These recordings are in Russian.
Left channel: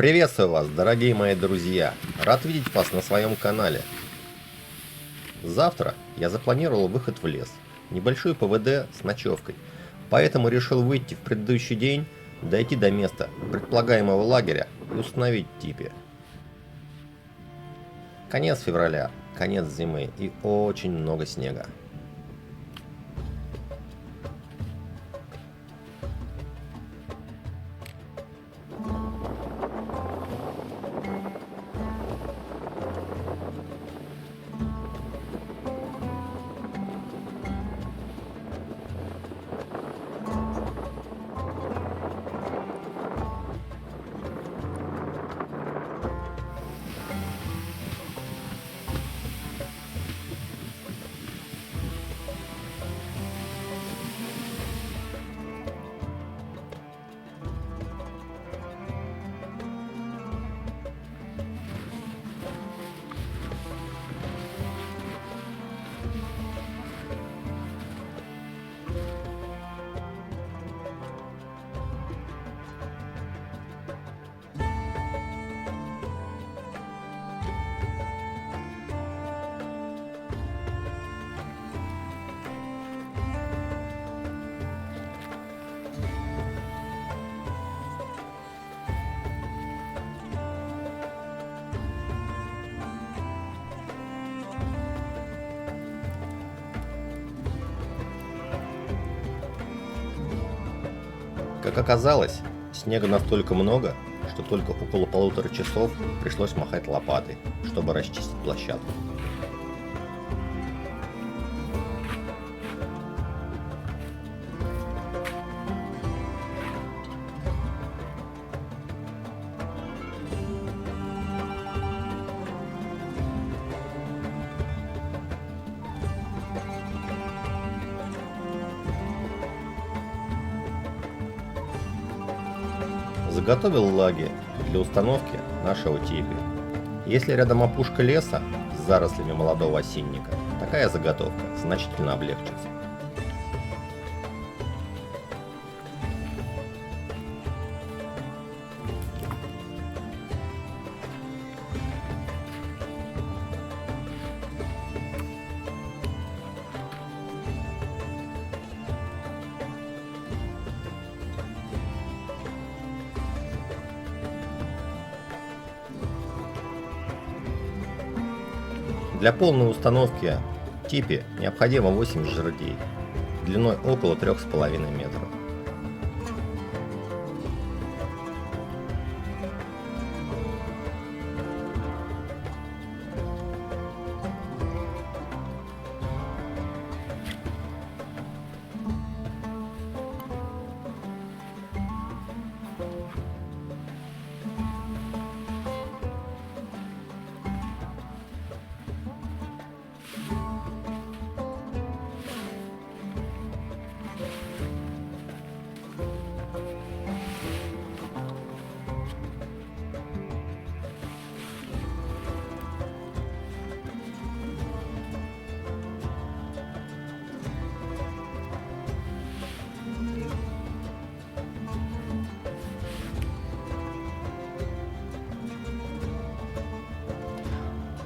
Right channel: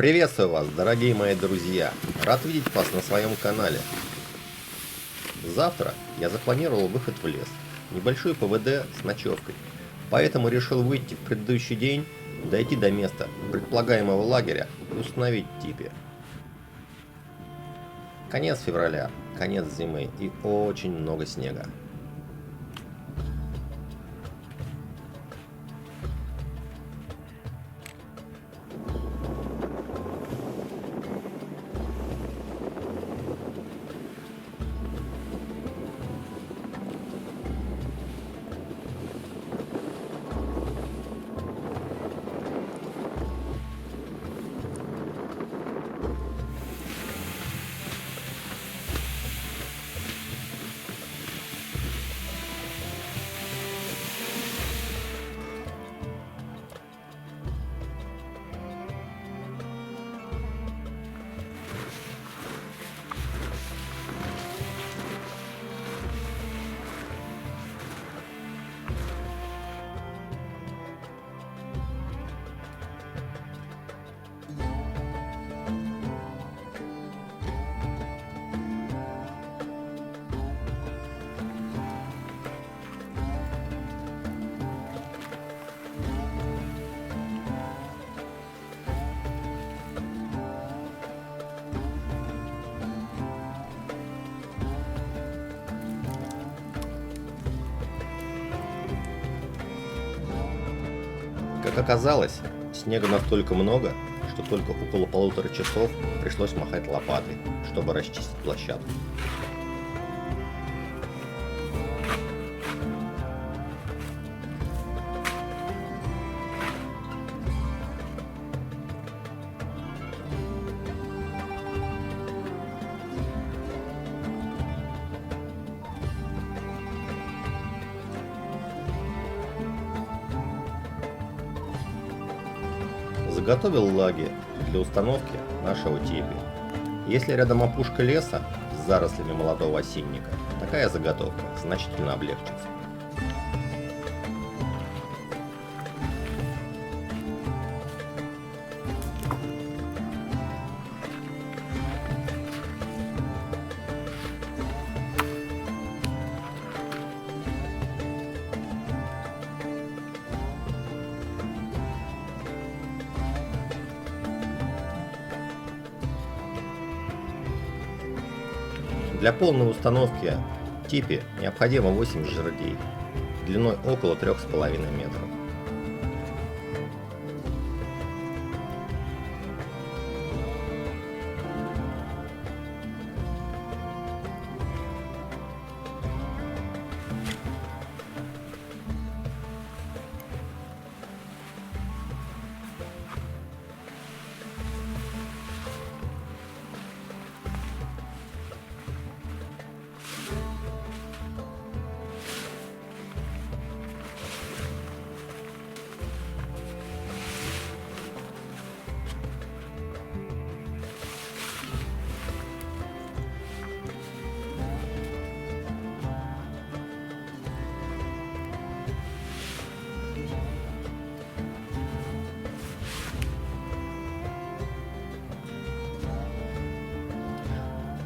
Приветствую вас, дорогие мои друзья! Рад видеть вас на своем канале. Завтра я запланировал выход в лес, небольшой ПВД с ночевкой, поэтому решил выйти в предыдущий день, дойти до места предполагаемого лагеря и установить типи. Конец февраля, конец зимы и очень много снега. Как оказалось, снега настолько много, что только около 1,5 часов пришлось махать лопатой, чтобы расчистить площадку. Заготовил лаги для установки нашего типи. Если рядом опушка леса с зарослями молодого осинника, такая заготовка значительно облегчится. Для полной установки типи необходимо 8 жердей длиной около 3,5 метров.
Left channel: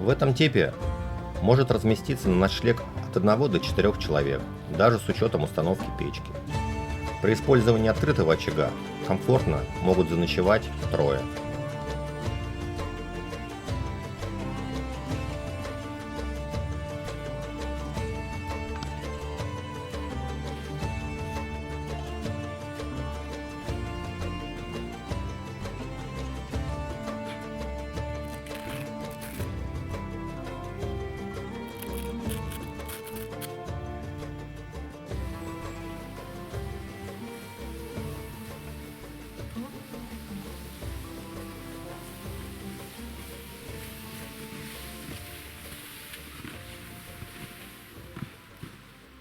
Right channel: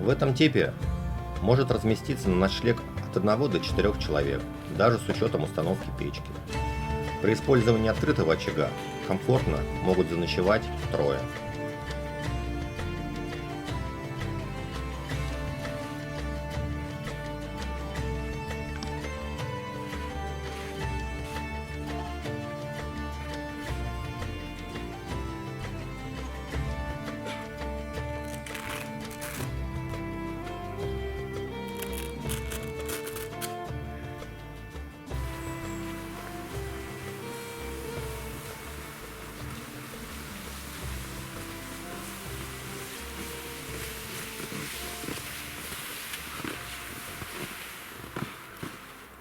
В этом типе может разместиться на ночлег от 1 до 4 человек, даже с учетом установки печки. При использовании открытого очага комфортно могут заночевать трое.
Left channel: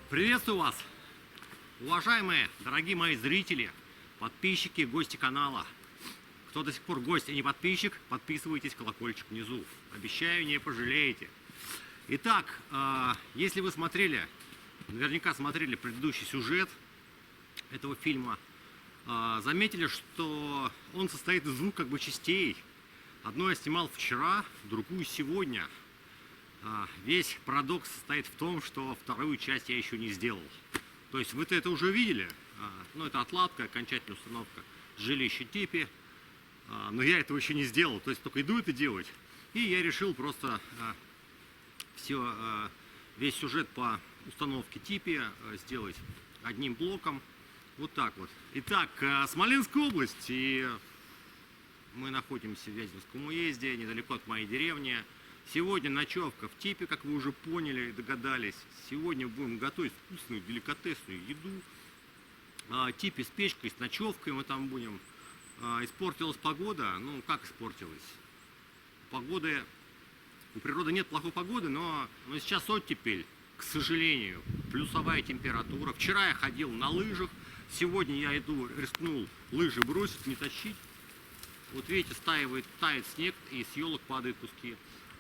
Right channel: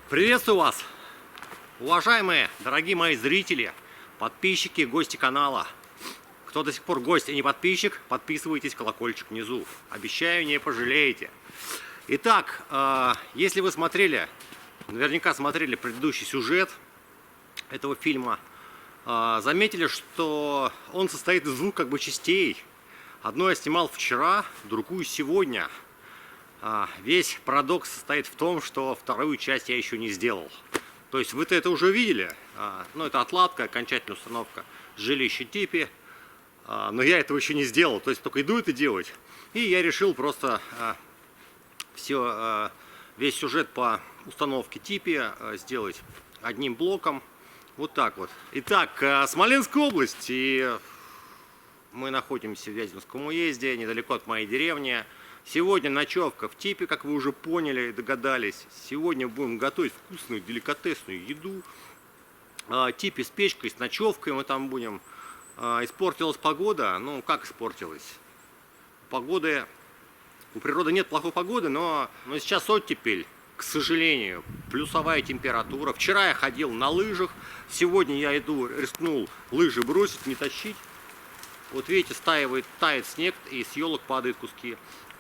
Приветствую вас, уважаемые, дорогие мои зрители, подписчики, гости канала. Кто до сих пор гость и не подписчик, подписывайтесь, колокольчик внизу. Обещаю, не пожалеете. Итак, если вы смотрели, наверняка смотрели предыдущий сюжет этого фильма, заметили, что он состоит из двух как бы частей. Одну я снимал вчера, другую сегодня. Весь парадокс состоит в том, что вторую часть я еще не сделал. То есть вы-то это уже видели. Ну, это отладка, окончательная установка жилища типи. Но я этого еще не сделал. То есть только иду это делать. И я решил просто весь сюжет по установке типи сделать одним блоком. Вот так вот. Итак, Смоленская область. И мы находимся в Вяземском уезде, недалеко от моей деревни. Сегодня ночевка в типе, как вы уже поняли и догадались. Сегодня будем готовить вкусную, деликатесную еду. Типе с печкой, с ночевкой мы там будем. Испортилась погода. Ну, как испортилась? Погоды... У природы нет плохой погоды, но сейчас оттепель, к сожалению. Плюсовая температура. Вчера я ходил на лыжах. Сегодня я рискнул лыжи бросить, не тащить. Вот видите, тает снег, и с елок падают куски,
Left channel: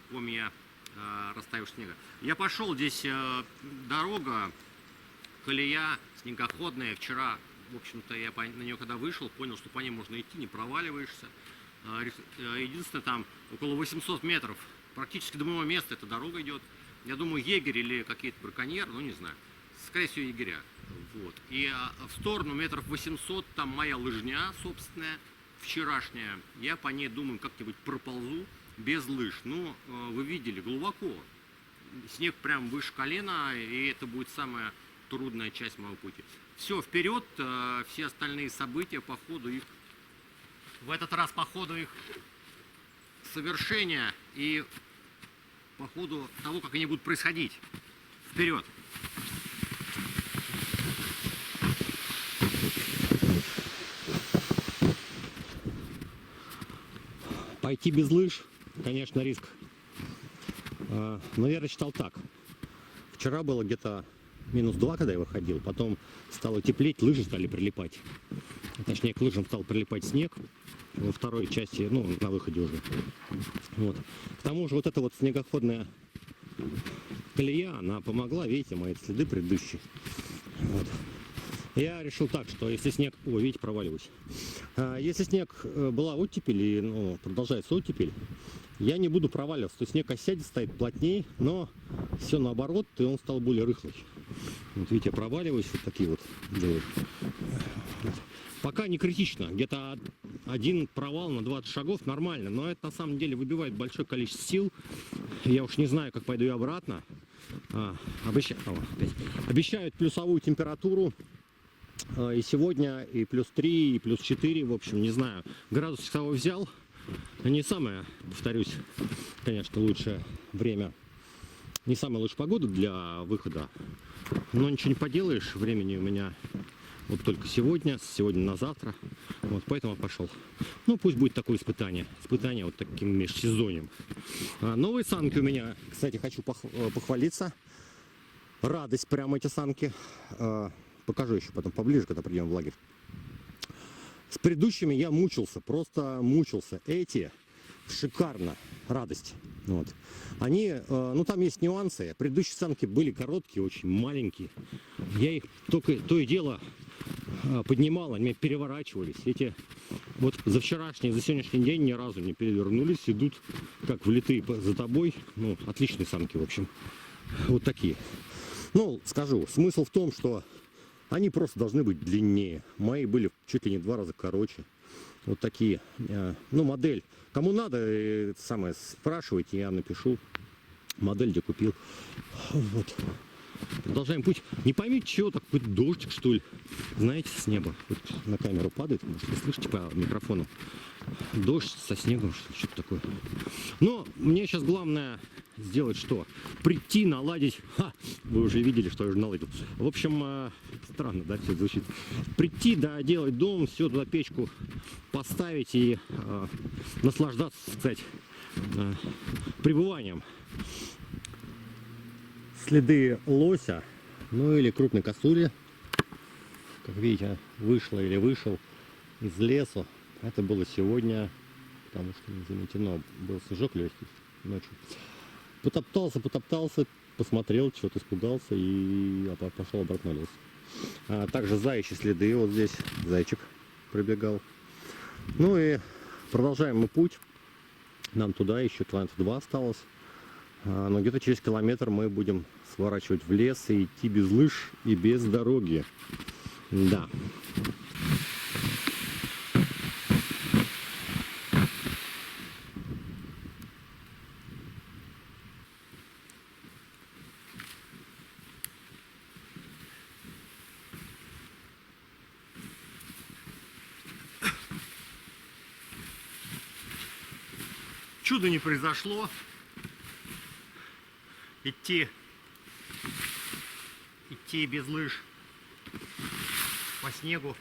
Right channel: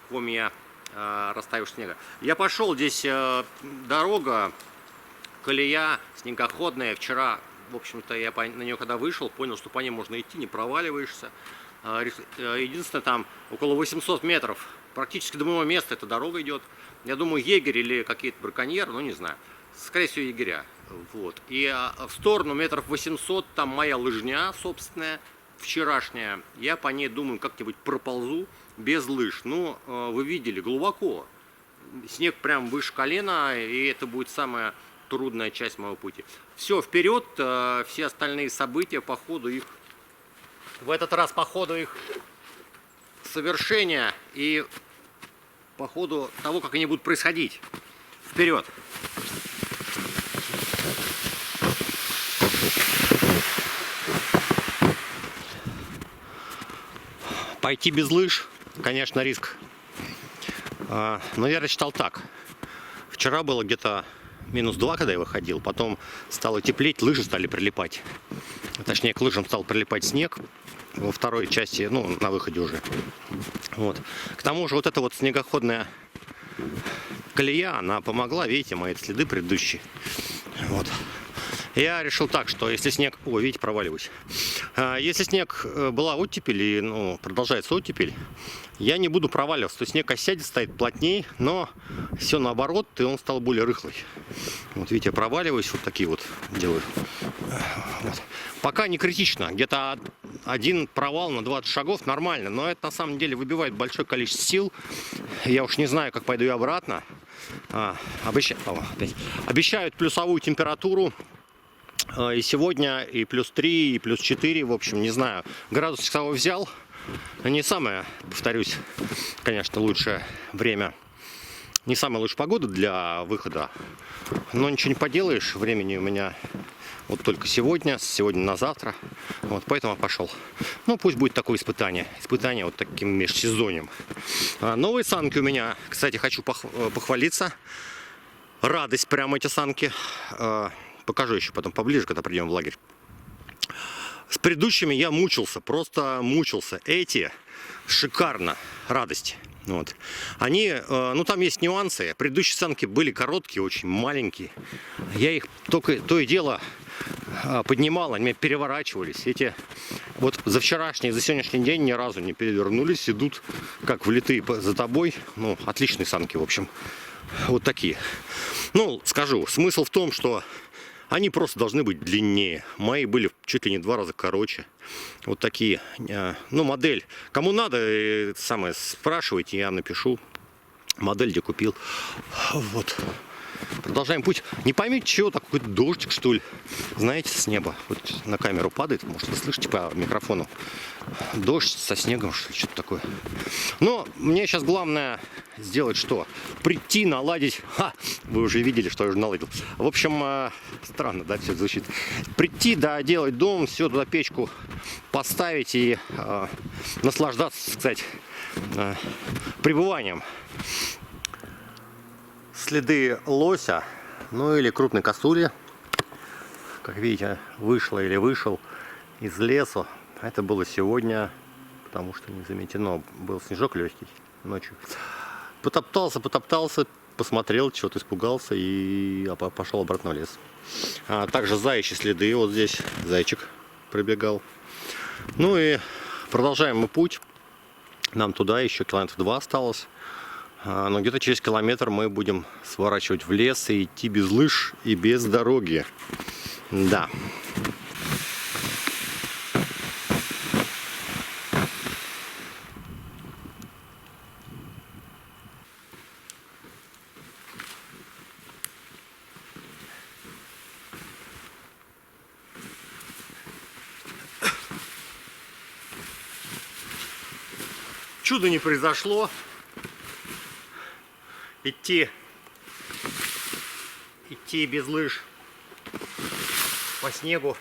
комья растаявшего снега. Я пошел, здесь дорога, колея снегоходная. Вчера, в общем-то, я на нее когда вышел, понял, что по ней можно идти, не проваливаешься. Единственное, там около 800 метров, практически до моего места эта дорога идет. Я думаю, егерь или какие-то браконьеры, ну не знаю. Скорее всего, егеря. Вот. И в сторону метров 800, там моя лыжня собственная, вчерашняя. Я по ней, думаю, как-нибудь проползу без лыж. Ну, вы видели, глубоко. Снег прям выше колена, и это будет самая трудная часть моего пути. Все, вперед, все остальные события по ходу их. В этот раз по ходу их совершения и по ходу того, как они будут происходить. Вперед! Пойти без лыж, конечно, риск. Но я рассчитал так. Вчера было где-то -2, когда я выходил. Потом стало теплеть, лыжи стали прилипать. Точнее, к лыжам стал прилипать снег. Во второй части, ну, на выходе уже. Вот. К тому же вот эта вот снегоходная колея, она помогла, видите, мои следы предыдущие. Вот. Я решил так, что если снег... О, видите, проваливаюсь. Если снег была оттепель и, ну, продолжается оттепель, я не буду проваливаться. То есть снег осядет, стоит плотнее, но все наоборот, и он стал более рыхлый. Вот видите, я проваливаюсь, вот такие вот делаю. Вот. Пока не критично. Где-то один провал на 20 шагов нормально, но это на самом деле выбивает большое количество сил. Я уж не знаю, как пойду я обратно. Обещают плюсовую температуру. И сегодня и +3, и +4, в общем, не знаю. Градус часовой взял. Не самое, повторюсь, конечно, лучшее время. Не самая лучшая погода для выхода. Но ничего не поделаешь. Времени у меня вот только сегодня, на завтра. Вот, поэтому я пошел. Ну, пусть будет такое испытание. Испытание вот таким межсезоньем. Новые санки у меня, кстати, хочу похвалиться. Радость прямо эти санки. Покажу еще потом поближе, когда придем в лагерь. С предыдущими я мучился, просто мучился. Эти шикарно, радость. Вот. Они, ну там есть нюансы. Предыдущие санки были короткие, очень маленькие. Я их только то и дело поднимал, они меня переворачивались. Эти вот за вчерашний, за сегодняшний день ни разу не перевернулись, идут как влитые за тобой. Ну, отличные санки, в общем. Вот такие. Ну, скажу, смысл в том, что они просто должны быть длиннее. Мои были чуть ли не 2 раза короче. Вот такие. Ну, модель. Кому надо, самое, спрашивайте, я напишу. Модель, где купил. Вот. Продолжаем путь. Не поймите, чего, такой дождик, что ли. Знаете, с неба. Вот на камеру падает. Может, вы слышите по микрофону. Дождь со снегом, что ли, что-то такое. Но мне сейчас главное сделать что? Прийти, наладить. Вы уже видели, что я уже наладил. В общем, странно, да, все звучит. Прийти, да, делать дом, все туда печку поставить и наслаждаться, кстати, пребыванием. Следы лося, ну или крупной косули, как видите, вышла или вышел из лесу. Это было сегодня, потому что не заметено, был снежок легкий ночью. Потоптался, посмотрел, чего-то испугался и пошел обратно в лес. Также заячьи следы, вот здесь зайчик пробегал. Ну и продолжаем мы путь. Нам туда еще километров 2 осталось. Но где-то через километр мы будем сворачивать в лес и идти без лыж и без дороги. Да. Чудо не произошло. Идти без лыж по снегу,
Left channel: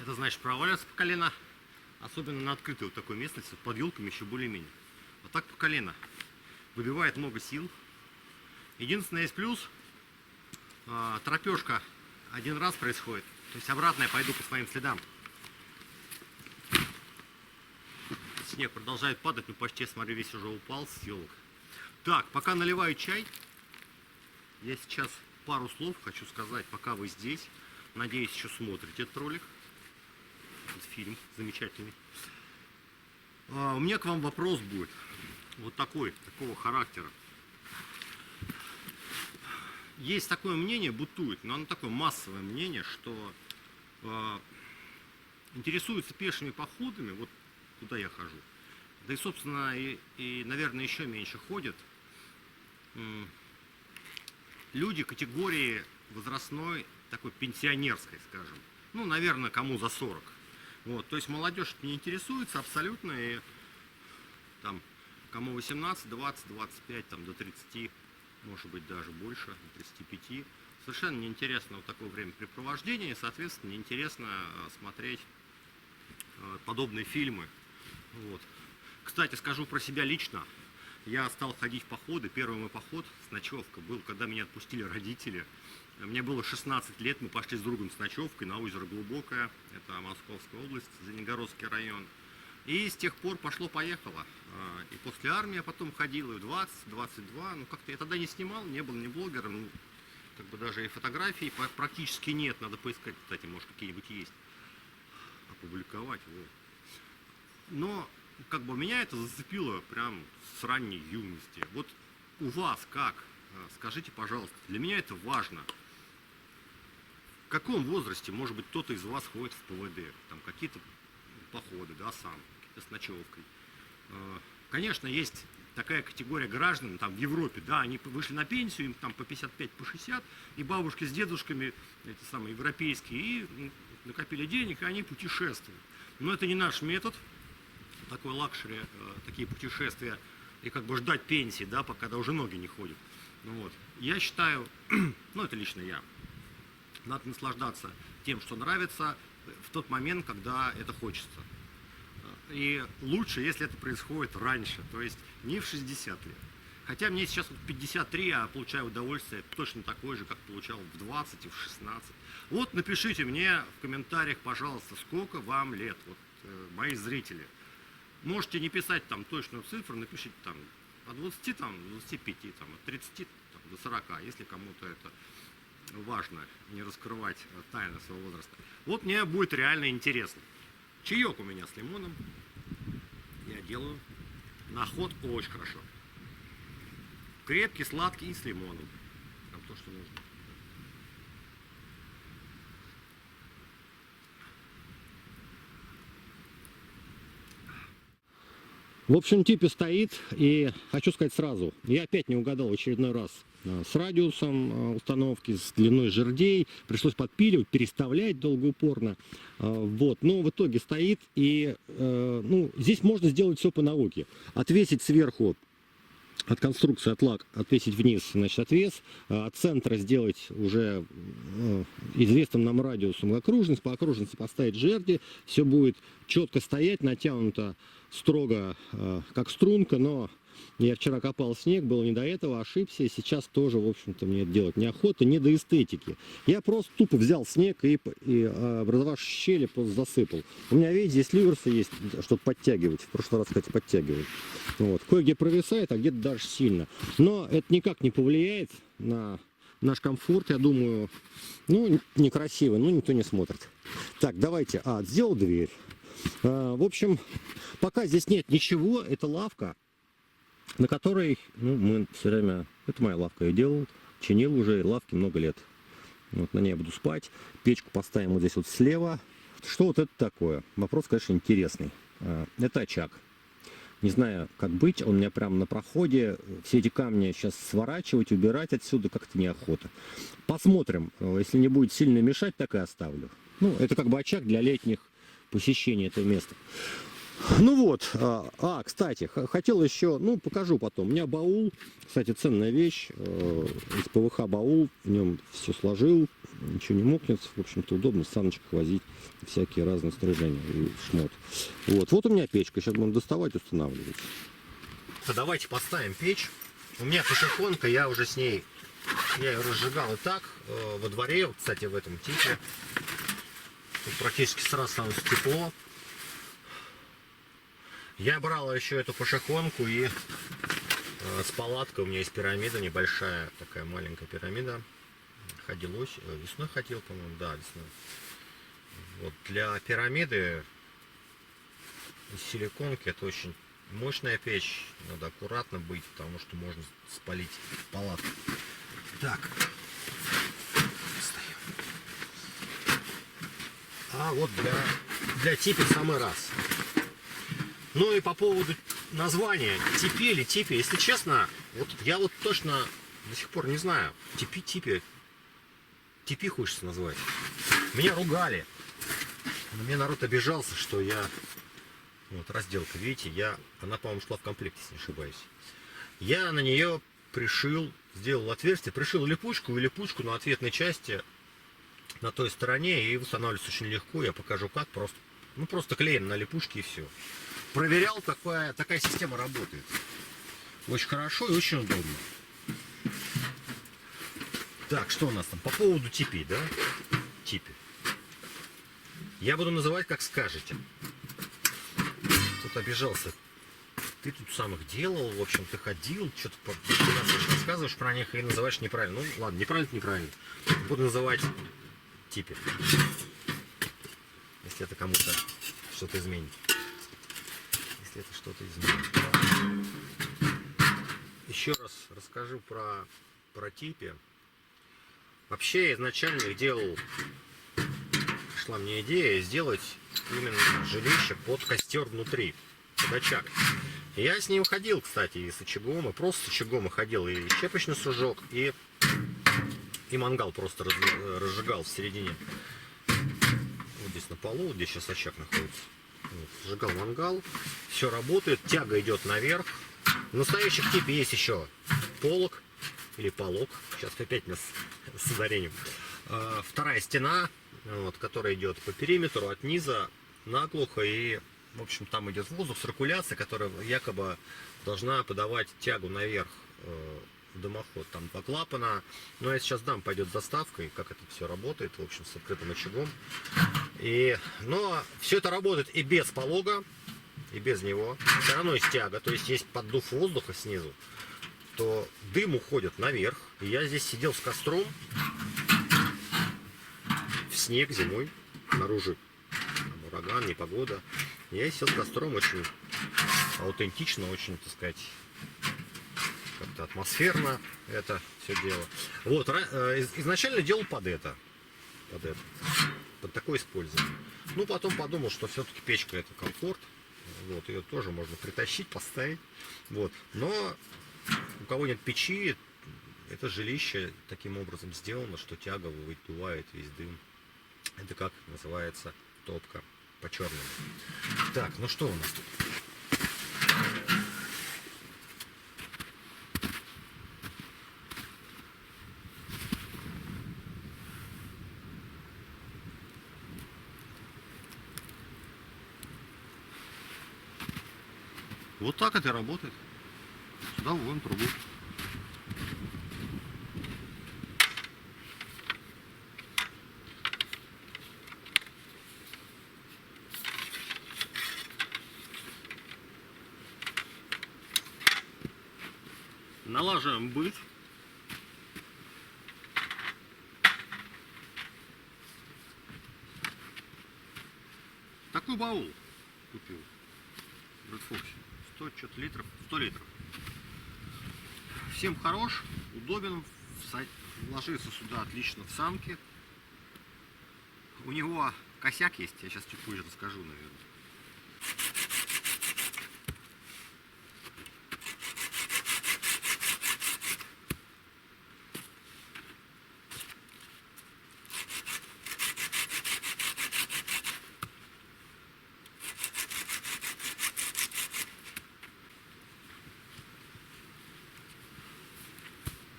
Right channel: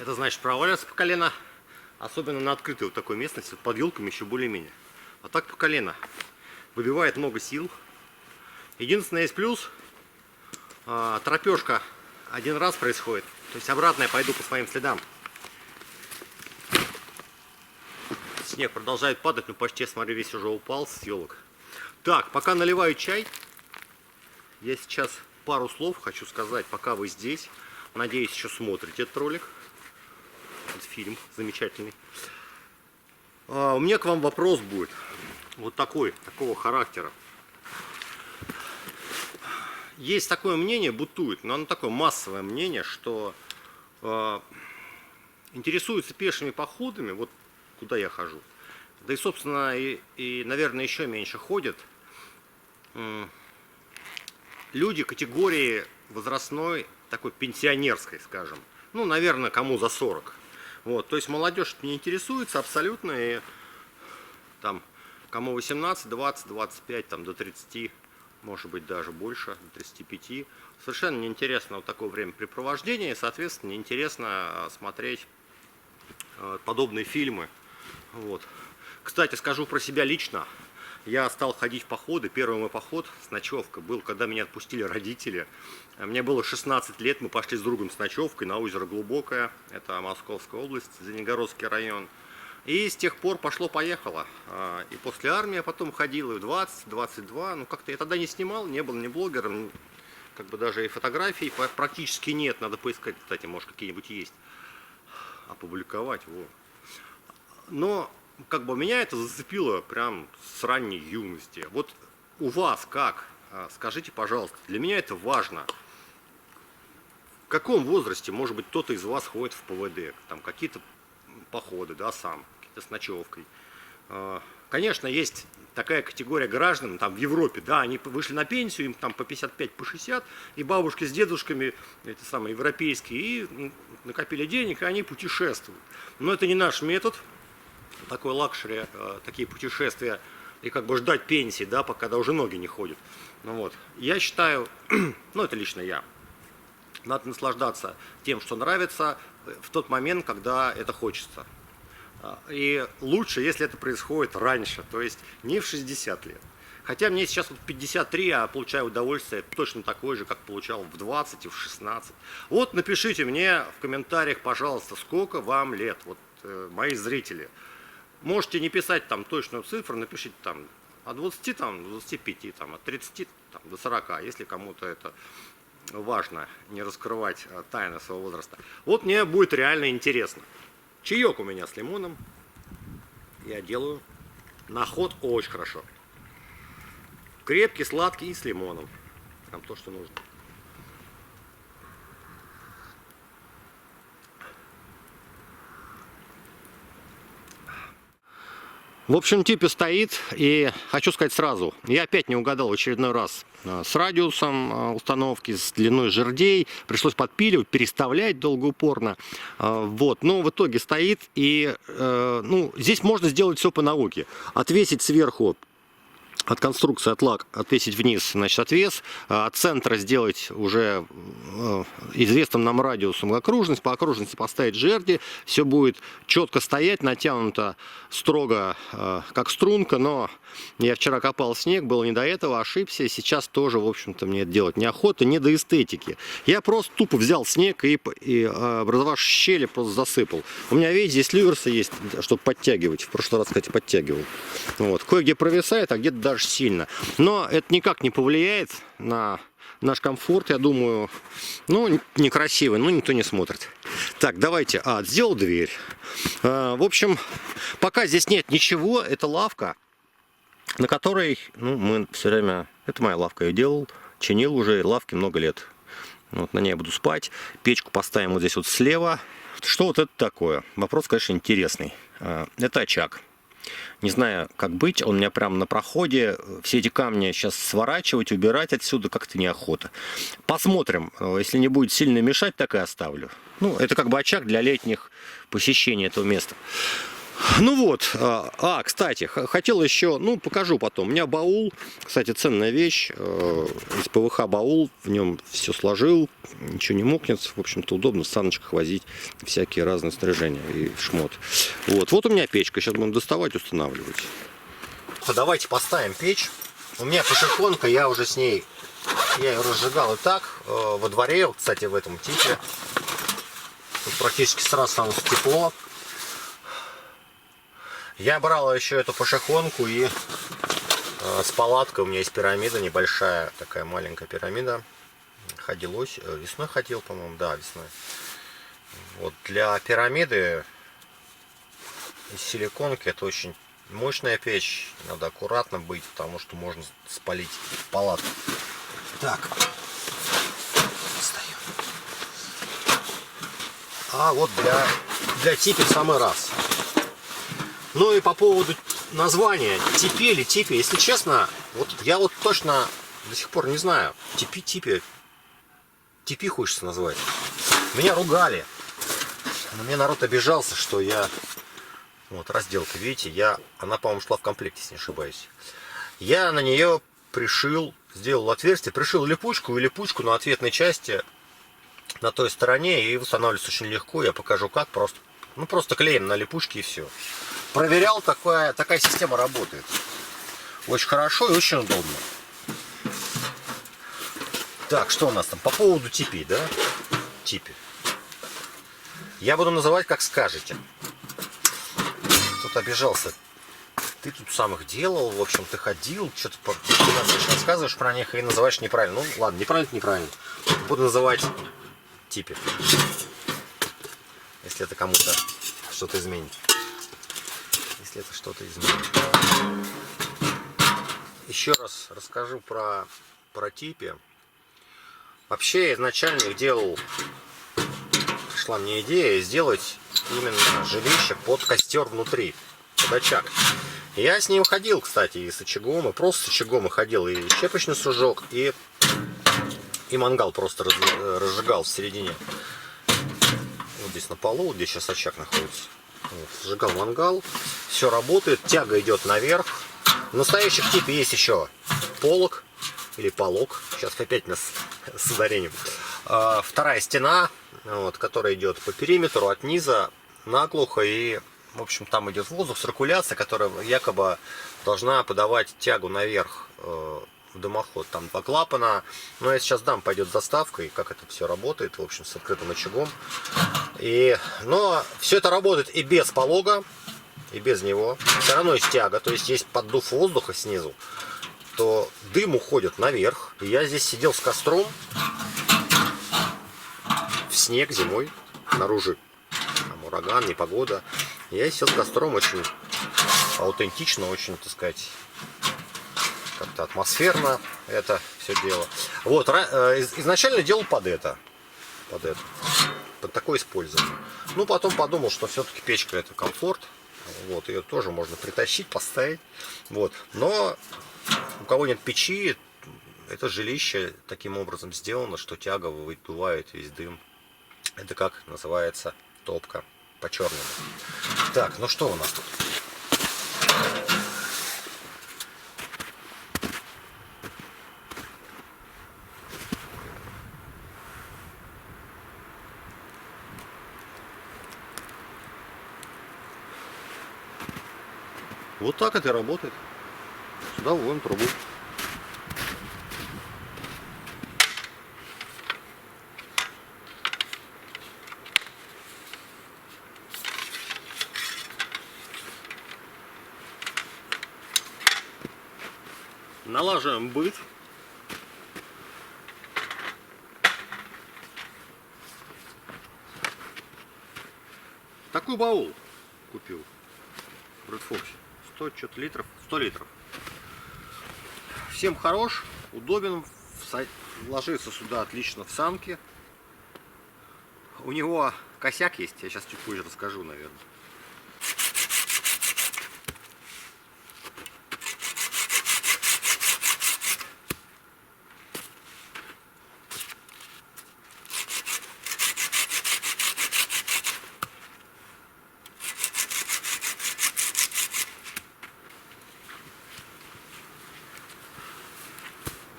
это значит проваливаться по колено, особенно на открытой вот такой местности, под елками еще более-менее. А так по колено. Выбивает много сил. Единственное есть плюс, тропежка один раз происходит, то есть обратно я пойду по своим следам. Снег продолжает падать, но почти, я смотрю, весь уже упал с елок. Так, пока наливаю чай, я сейчас пару слов хочу сказать, пока вы здесь. Надеюсь, еще смотрите этот ролик. Этот фильм замечательный. У меня к вам вопрос будет. Вот такого характера. Есть такое мнение, бытует, но оно такое массовое мнение, что интересуются пешими походами, вот куда я хожу. Да и, собственно, наверное, еще меньше ходят люди категории возрастной, такой пенсионерской, скажем. Ну, наверное, кому за 40. Вот, то есть молодежь не интересуется абсолютно, и там, кому 18, 20, 25, там, до 30, может быть, даже больше, до 35. Совершенно неинтересно вот такое времяпрепровождение, и, соответственно, неинтересно смотреть подобные фильмы. Вот. Кстати, скажу про себя лично. Я стал ходить в походы. Первый мой поход с ночевкой был, когда меня отпустили родители. Мне было 16 лет, мы пошли с другом с ночевкой на озеро Глубокое. Это Московская область, Звенигородский район. И с тех пор пошло-поехало. И после армии я потом ходил, и в 20, 22. Ну, как-то я тогда не снимал, не был ни блогером, как бы даже и фотографий практически нет. Надо поискать, кстати, может, какие-нибудь есть. Опубликовать. Вот. Но как бы меня это зацепило прям с ранней юности. Вот у вас как? Скажите, пожалуйста, для меня это важно. В каком возрасте, может быть, кто-то из вас ходит в ПВД? Там какие-то походы, да, сам, какие-то с ночевкой. Конечно, есть такая категория граждан, там в Европе, да, они вышли на пенсию, им там по 55, по 60, и бабушки с дедушками, эти самые европейские, и накопили денег, и они путешествуют. Но это не наш метод. Такой лакшери, такие путешествия, и как бы ждать пенсии, да, пока уже ноги не ходят. Ну, вот. Я считаю, ну это лично я, надо наслаждаться тем, что нравится, в тот момент, когда это хочется. И лучше, если это происходит раньше, то есть не в 60 лет. Хотя мне сейчас вот 53, а получаю удовольствие точно такое же, как получал в 20 и в 16. Вот напишите мне в комментариях, пожалуйста, сколько вам лет, вот мои зрители. Можете не писать там точную цифру, напишите там от 20 там, до 25, там, от 30 там, до 40, если кому-то это важно, не раскрывать тайны своего возраста. Вот мне будет реально интересно. Чаек у меня с лимоном я делаю на ход очень хорошо. Крепкий, сладкий и с лимоном. Прям то, что нужно. В общем, типе стоит, и хочу сказать сразу, я опять не угадал в очередной раз с радиусом установки, с длиной жердей, пришлось подпиливать, переставлять долгоупорно, вот, но в итоге стоит, и ну, здесь можно сделать все по науке, отвесить сверху от конструкции, от лак, отвесить вниз, значит, отвес, от центра сделать уже известным нам радиусом окружность, по окружности поставить жерди, все будет четко стоять, натянуто строго, как струнка, но я вчера копал снег, было не до этого, ошибся, сейчас тоже, в общем-то, мне это делать неохота, не до эстетики. Я просто тупо взял снег и образовавшие щели просто засыпал. У меня, видите, здесь люверсы есть, чтобы подтягивать, в прошлый раз, кстати, подтягивал. Вот. Кое-где провисает, а где-то даже сильно. Но это никак не повлияет на наш комфорт, я думаю, ну, некрасивый, но никто не смотрит. Так, давайте. Сделал дверь. В общем, пока здесь нет ничего, это лавка, на которой, ну, мы все время... Это моя лавка, я делал, чинил уже лавки много лет. Вот на ней я буду спать. Печку поставим вот здесь вот слева. Что вот это такое? Вопрос, конечно, интересный. Это очаг. Не знаю, как быть. Он у меня прямо на проходе. Все эти камни сейчас сворачивать, убирать отсюда как-то неохота. Посмотрим. Если не будет сильно мешать, так и оставлю. Ну, это как бы очаг для летних посещений этого места. Ну вот, кстати, хотел еще, ну, покажу потом. У меня баул, кстати, ценная вещь, из ПВХ баул, в нем все сложил, ничего не мокнет, в общем-то, удобно в саночках возить всякие разные снаряжения и шмот. Вот у меня печка, сейчас будем доставать, устанавливать. Давайте поставим печь. У меня пошехонка, я уже с ней, я ее разжигал и так, во дворе, кстати, в этом типе. Тут практически сразу становится тепло. Я брал еще эту пошехонку и с палаткой. У меня есть пирамида небольшая, такая маленькая пирамида. Ходил весной ходил, по-моему, да, весной. Вот для пирамиды из силиконки это очень мощная печь. Надо аккуратно быть, потому что можно спалить палатку. Так, встаем. А вот для типи в самый раз. Ну и по поводу названия типи или типи, если честно, вот я вот точно до сих пор не знаю. Типи хочется назвать. Меня ругали. На меня народ обижался, что я... Вот разделка, видите, она, по-моему, шла в комплекте, если не ошибаюсь. Я на нее пришил, сделал отверстие, пришил липучку, и липучку на ответной части на той стороне, и устанавливается очень легко. Я покажу как, просто клеим на липучке и все. Проверял, такая система работает. Очень хорошо и очень удобно. Так, что у нас там? По поводу типи, да? Типи. Я буду называть, как скажете. Тут обижался. Ты тут сам их делал, в общем, ты ходил, что-то рассказываешь про них и называешь неправильно. Ну, ладно, неправильно. Буду называть типи. Если это кому-то что-то изменит. Еще раз расскажу про типи. Вообще изначально их делал, пришла мне идея сделать именно жилище под костер внутри, под очаг. Я с ним ходил, кстати, и с очагом, и просто с очагом и ходил, и щепочный сужок, и мангал просто разжигал в середине. Вот здесь на полу, где сейчас очаг находится. Вот, сжигал мангал, все работает, тяга идет наверх. В настоящих типе есть еще полог или полог, сейчас опять нас с ударением. Вторая стена, вот, которая идет по периметру от низа наглухо, и в общем там идет воздух, циркуляция, которая якобы должна подавать тягу наверх в дымоход. Там 2 клапана, но я сейчас дам, пойдет заставка, и как это все работает, в общем, с открытым очагом. Но все это работает и без полога, и без него. Все равно есть тяга, то есть есть поддув воздуха снизу, то дым уходит наверх. И я здесь сидел с костром в снег зимой, снаружи там ураган, непогода. Я сидел с костром очень аутентично, очень, так сказать, как-то атмосферно это все дело. Вот, изначально делал под такое использование. Ну, потом подумал, что все-таки печка это комфорт. Вот, ее тоже можно притащить, поставить. Вот. Но у кого нет печи, это жилище таким образом сделано, что тяга выдувает весь дым. Это как называется топка по-черному. Так, ну что у нас тут? Вот так это и работает. Сюда вводим трубу. Налаживаем быт. такой баул купил в Red Fox. 100 что-то литров, 100 литров. Всем хорош, удобен, ложится сюда отлично в санки. У него косяк есть, я сейчас чуть позже расскажу, наверное.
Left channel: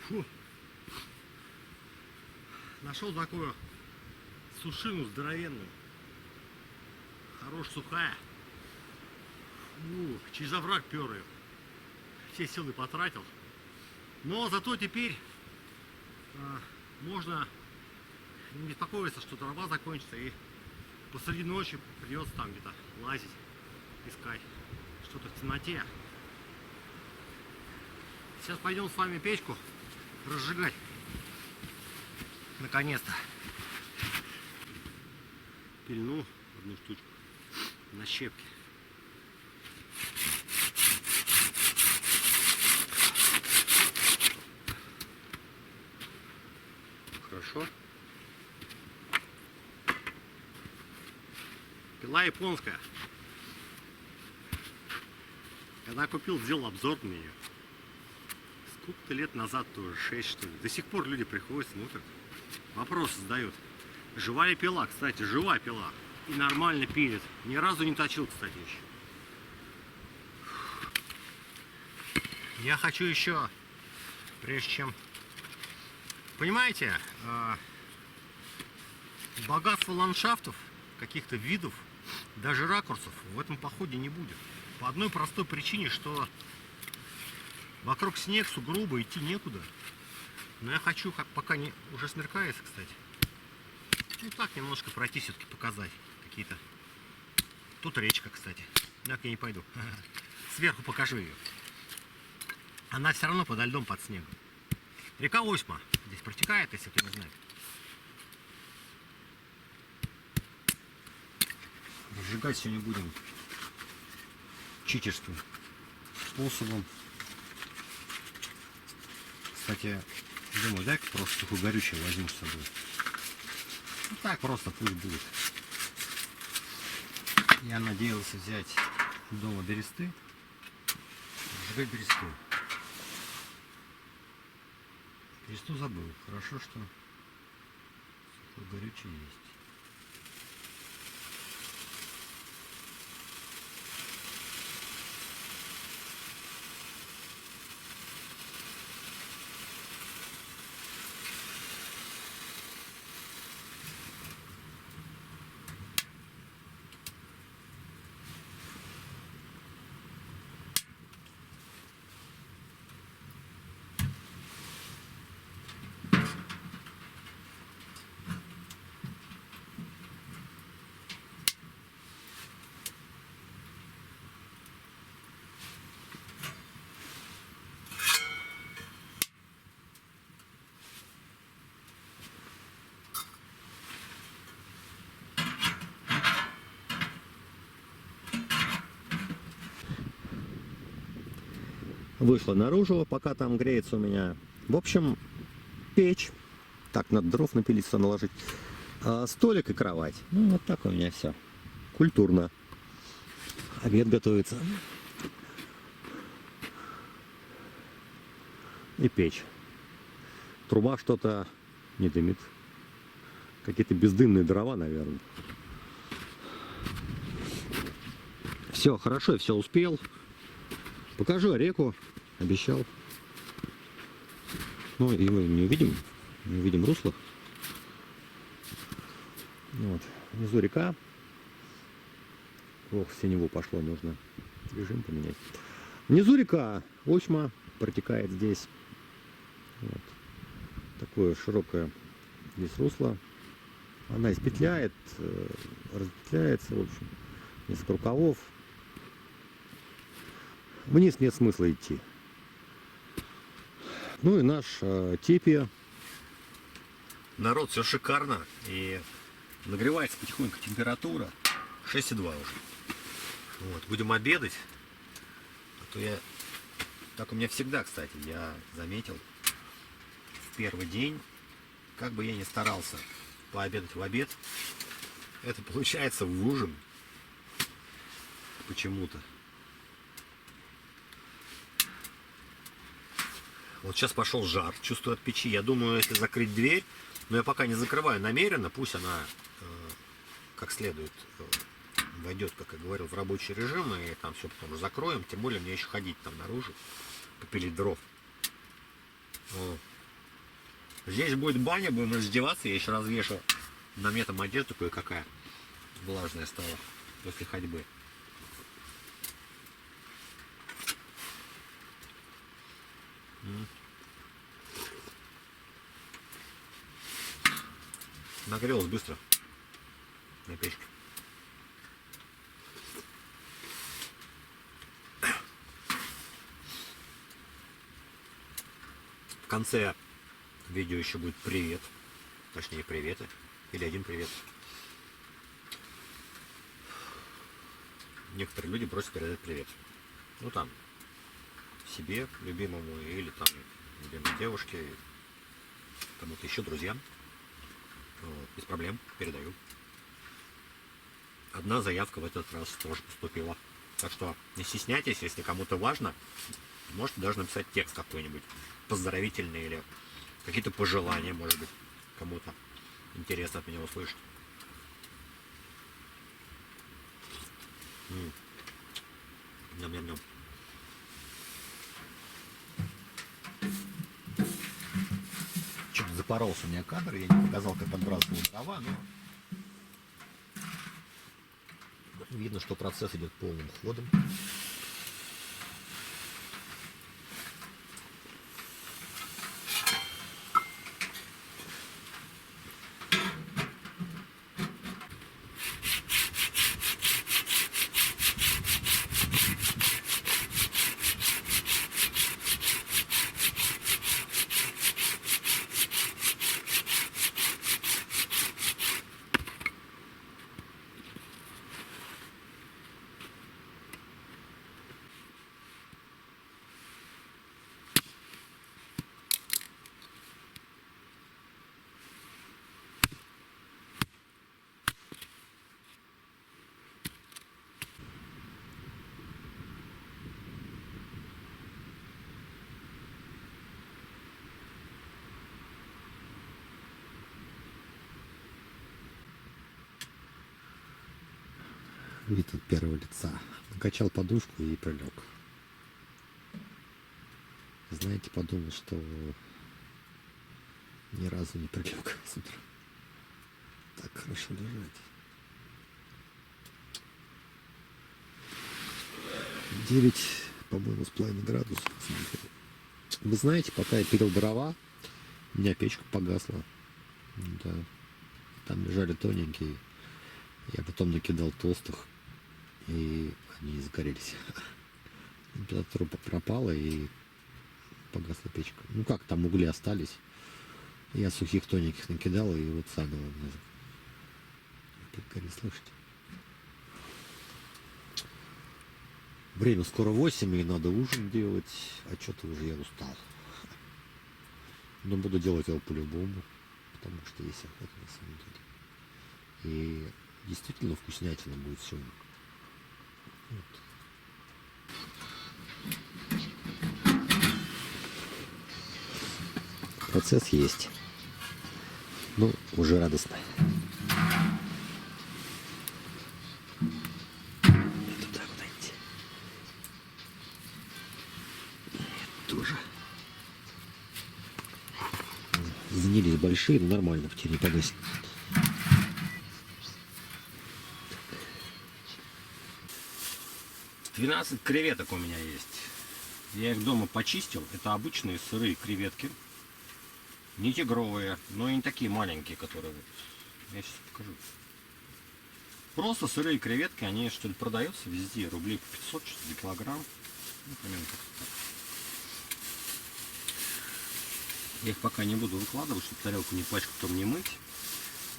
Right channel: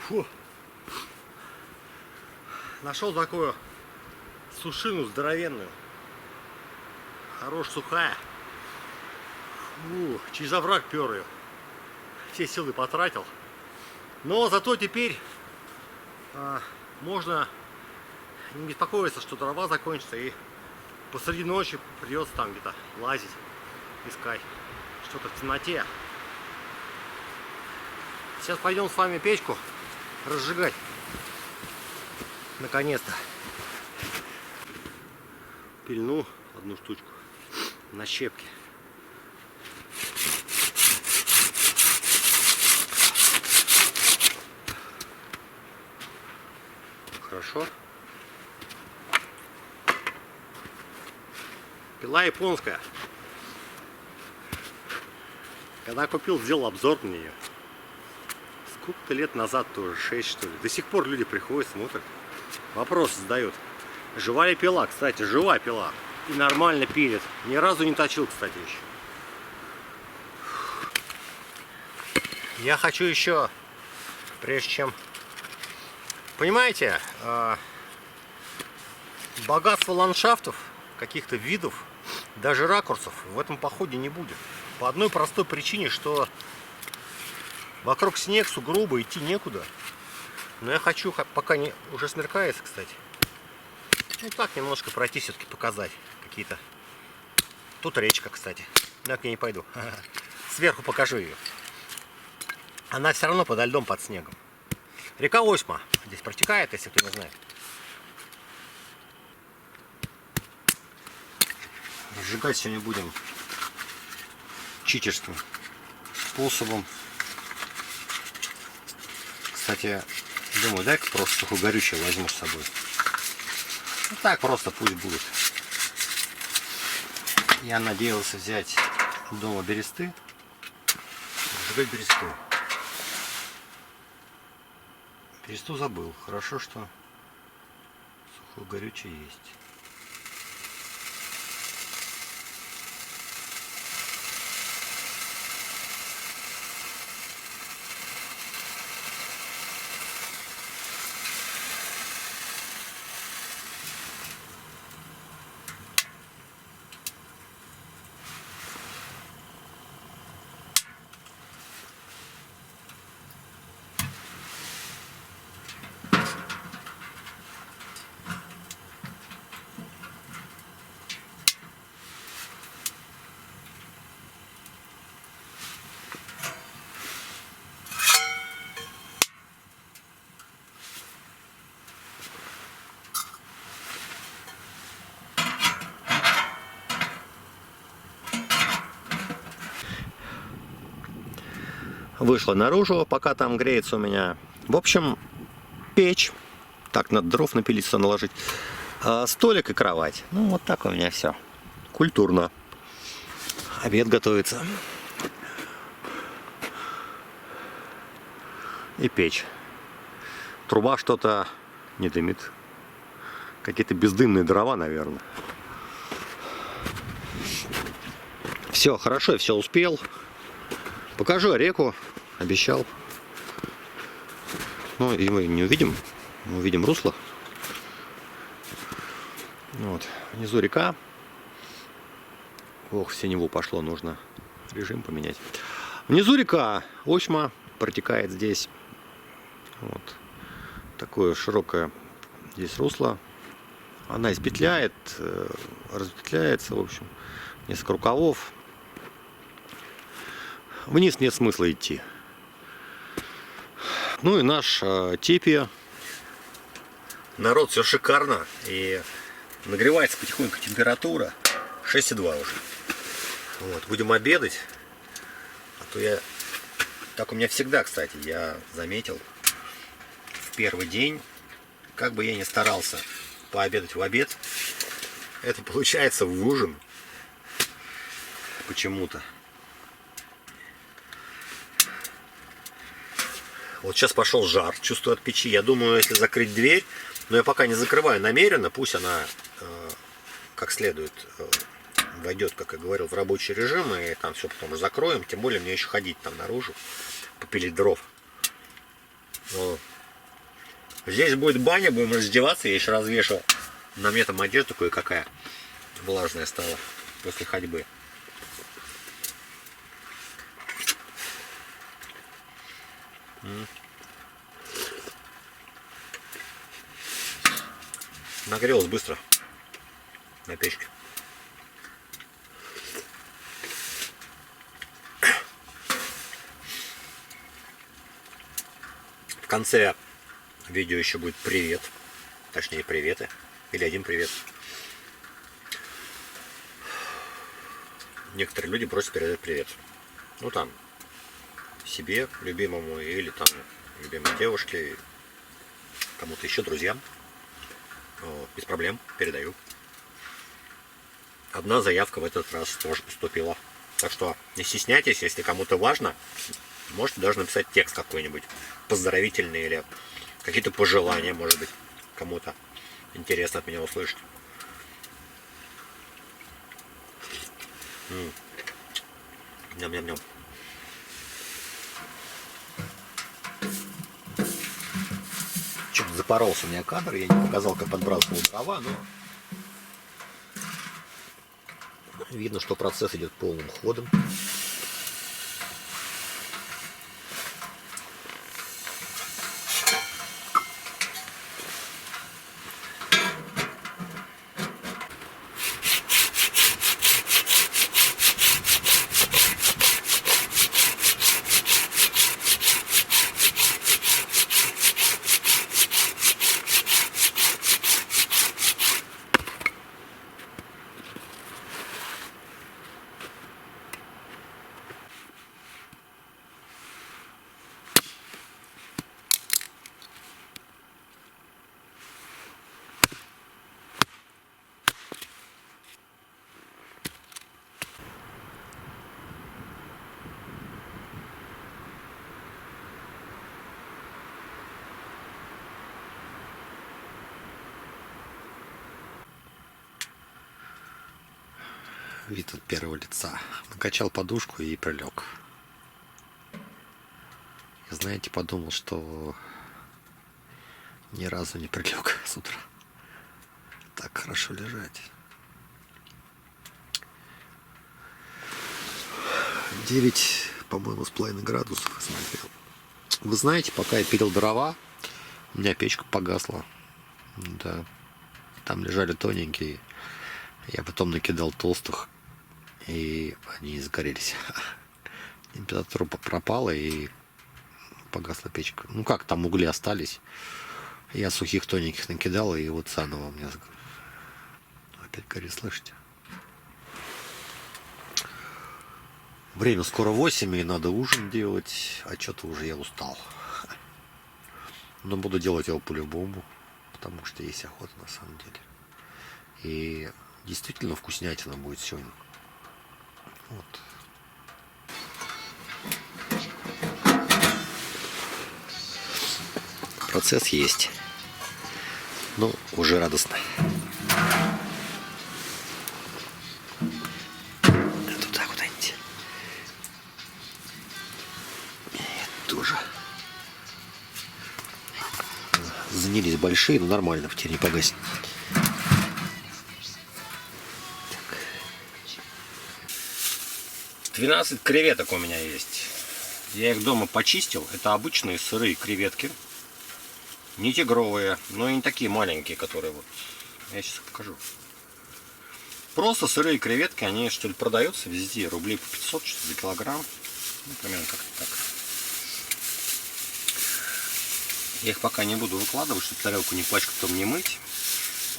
Фу. Нашел такую сушину здоровенную. Хорош сухая. Фу, через овраг пер ее. Все силы потратил. Но зато теперь можно не беспокоиться, что дрова закончится, и посреди ночи придется там где-то лазить, искать что-то в темноте. Сейчас пойдем с вами печку разжигать. Наконец-то. Пильну одну штучку на щепке. Хорошо. Пила японская. Когда купил, сделал обзор на нее. Сколько-то лет назад тоже, 6 что ли. До сих пор люди приходят, смотрят. Вопросы задают. Жива ли пила? Кстати, жива пила. И нормально пилит. Ни разу не точил, кстати, еще. Я хочу еще, прежде чем... Понимаете, богатство ландшафтов, каких-то видов, даже ракурсов в этом походе не будет. По одной простой причине, что вокруг снег, сугробы, идти некуда. Но я хочу, пока не уже смеркается, кстати, ну так немножко пройти, все-таки показать какие-то. Тут речка, кстати. Но я к ней не пойду. Сверху покажу ее. Она все равно подо льдом, под снегом. Река Осьма здесь протекает, если кто не знает. Разжигать сегодня будем читерским способом. Кстати, думаю, дай-ка просто сухогорючее возьму с собой. Ну так просто пусть будет. Я надеялся взять дома бересты. Разжигать бересту. Бересту забыл. Хорошо, что сухогорючее есть. Вышла наружу, пока там греется у меня. В общем, печь. Так, надо дров напилить, сюда наложить. Столик и кровать. Ну, вот так у меня все. Культурно. Обед готовится. И печь. Труба что-то не дымит. Какие-то бездымные дрова, наверное. Все хорошо, я все успел. Покажу реку, обещал. Ну и мы не увидим, мы увидим русло. Вот. Внизу река. Ох, в синеву пошло, нужно режим поменять. Внизу река Осьма протекает здесь. Вот. Такое широкое здесь русло. Она испетляет, разветвляется, в общем, несколько рукавов. Вниз нет смысла идти. Ну и наш тепи. Народ, все шикарно. И нагревается потихоньку температура. 6:02 уже. Вот, будем обедать. А то я... Так у меня всегда, кстати, я заметил. В первый день, как бы я ни старался пообедать в обед, это получается в ужин. Почему-то. Вот сейчас пошел жар, чувствую от печи. Я думаю, если закрыть дверь, но я пока не закрываю намеренно, пусть она как следует войдет, как я говорил, в рабочий режим, и там все потом закроем. Тем более мне еще ходить там наружу, попилить дров. Но здесь будет баня, будем раздеваться. Я еще развешу. На мне там одежда кое-какая влажная стала после ходьбы. Нагрелось быстро на печке. В конце видео еще будет привет, точнее приветы, или один привет. Некоторые люди просят передать привет. Ну там себе, любимому, или там любимой девушке, кому-то еще, друзьям. Без проблем, передаю. Одна заявка в этот раз тоже поступила. Так что не стесняйтесь, если кому-то важно, можете даже написать текст какой-нибудь поздравительный или какие-то пожелания, может быть, кому-то интересно от меня услышать. Ням-ням-ням. Чуть запоролся у меня кадр, я не показал, как подбрасывал дрова, но видно, что процесс идет полным ходом. Вид от первого лица. Накачал подушку и прилег. Знаете, подумал, что ни разу не прилег с утра. Так хорошо лежать. 9, по-моему, с половиной градусов смотрел. Вы знаете, пока я пилил дрова, у меня печка погасла. Да. Там лежали тоненькие. Я потом накидал толстых, и они сгорелись. Температура пропала, и погасла печка. Ну как, там угли остались. Я сухих тоненьких накидал, и вот заново у меня опять горит, слышите? Время скоро 8, и надо ужин делать, а что-то уже я устал. Но буду делать его по-любому, потому что есть охота на самом деле. И действительно вкуснятина будет сегодня. Вот. Процесс есть. Ну, уже радостно. Туда куда-нибудь. Тоже. Занялись большие, но нормально, в тени погасить. 12 креветок у меня есть. Я их дома почистил. Это обычные сырые креветки. Не тигровые, но и не такие маленькие, которые вот. Я сейчас покажу. Просто сырые креветки, они что ли продаются везде. Рублей по 500 что-то за килограмм. Ну, примерно как-то так. Я их пока не буду выкладывать, чтобы тарелку не пачкать, потом не мыть.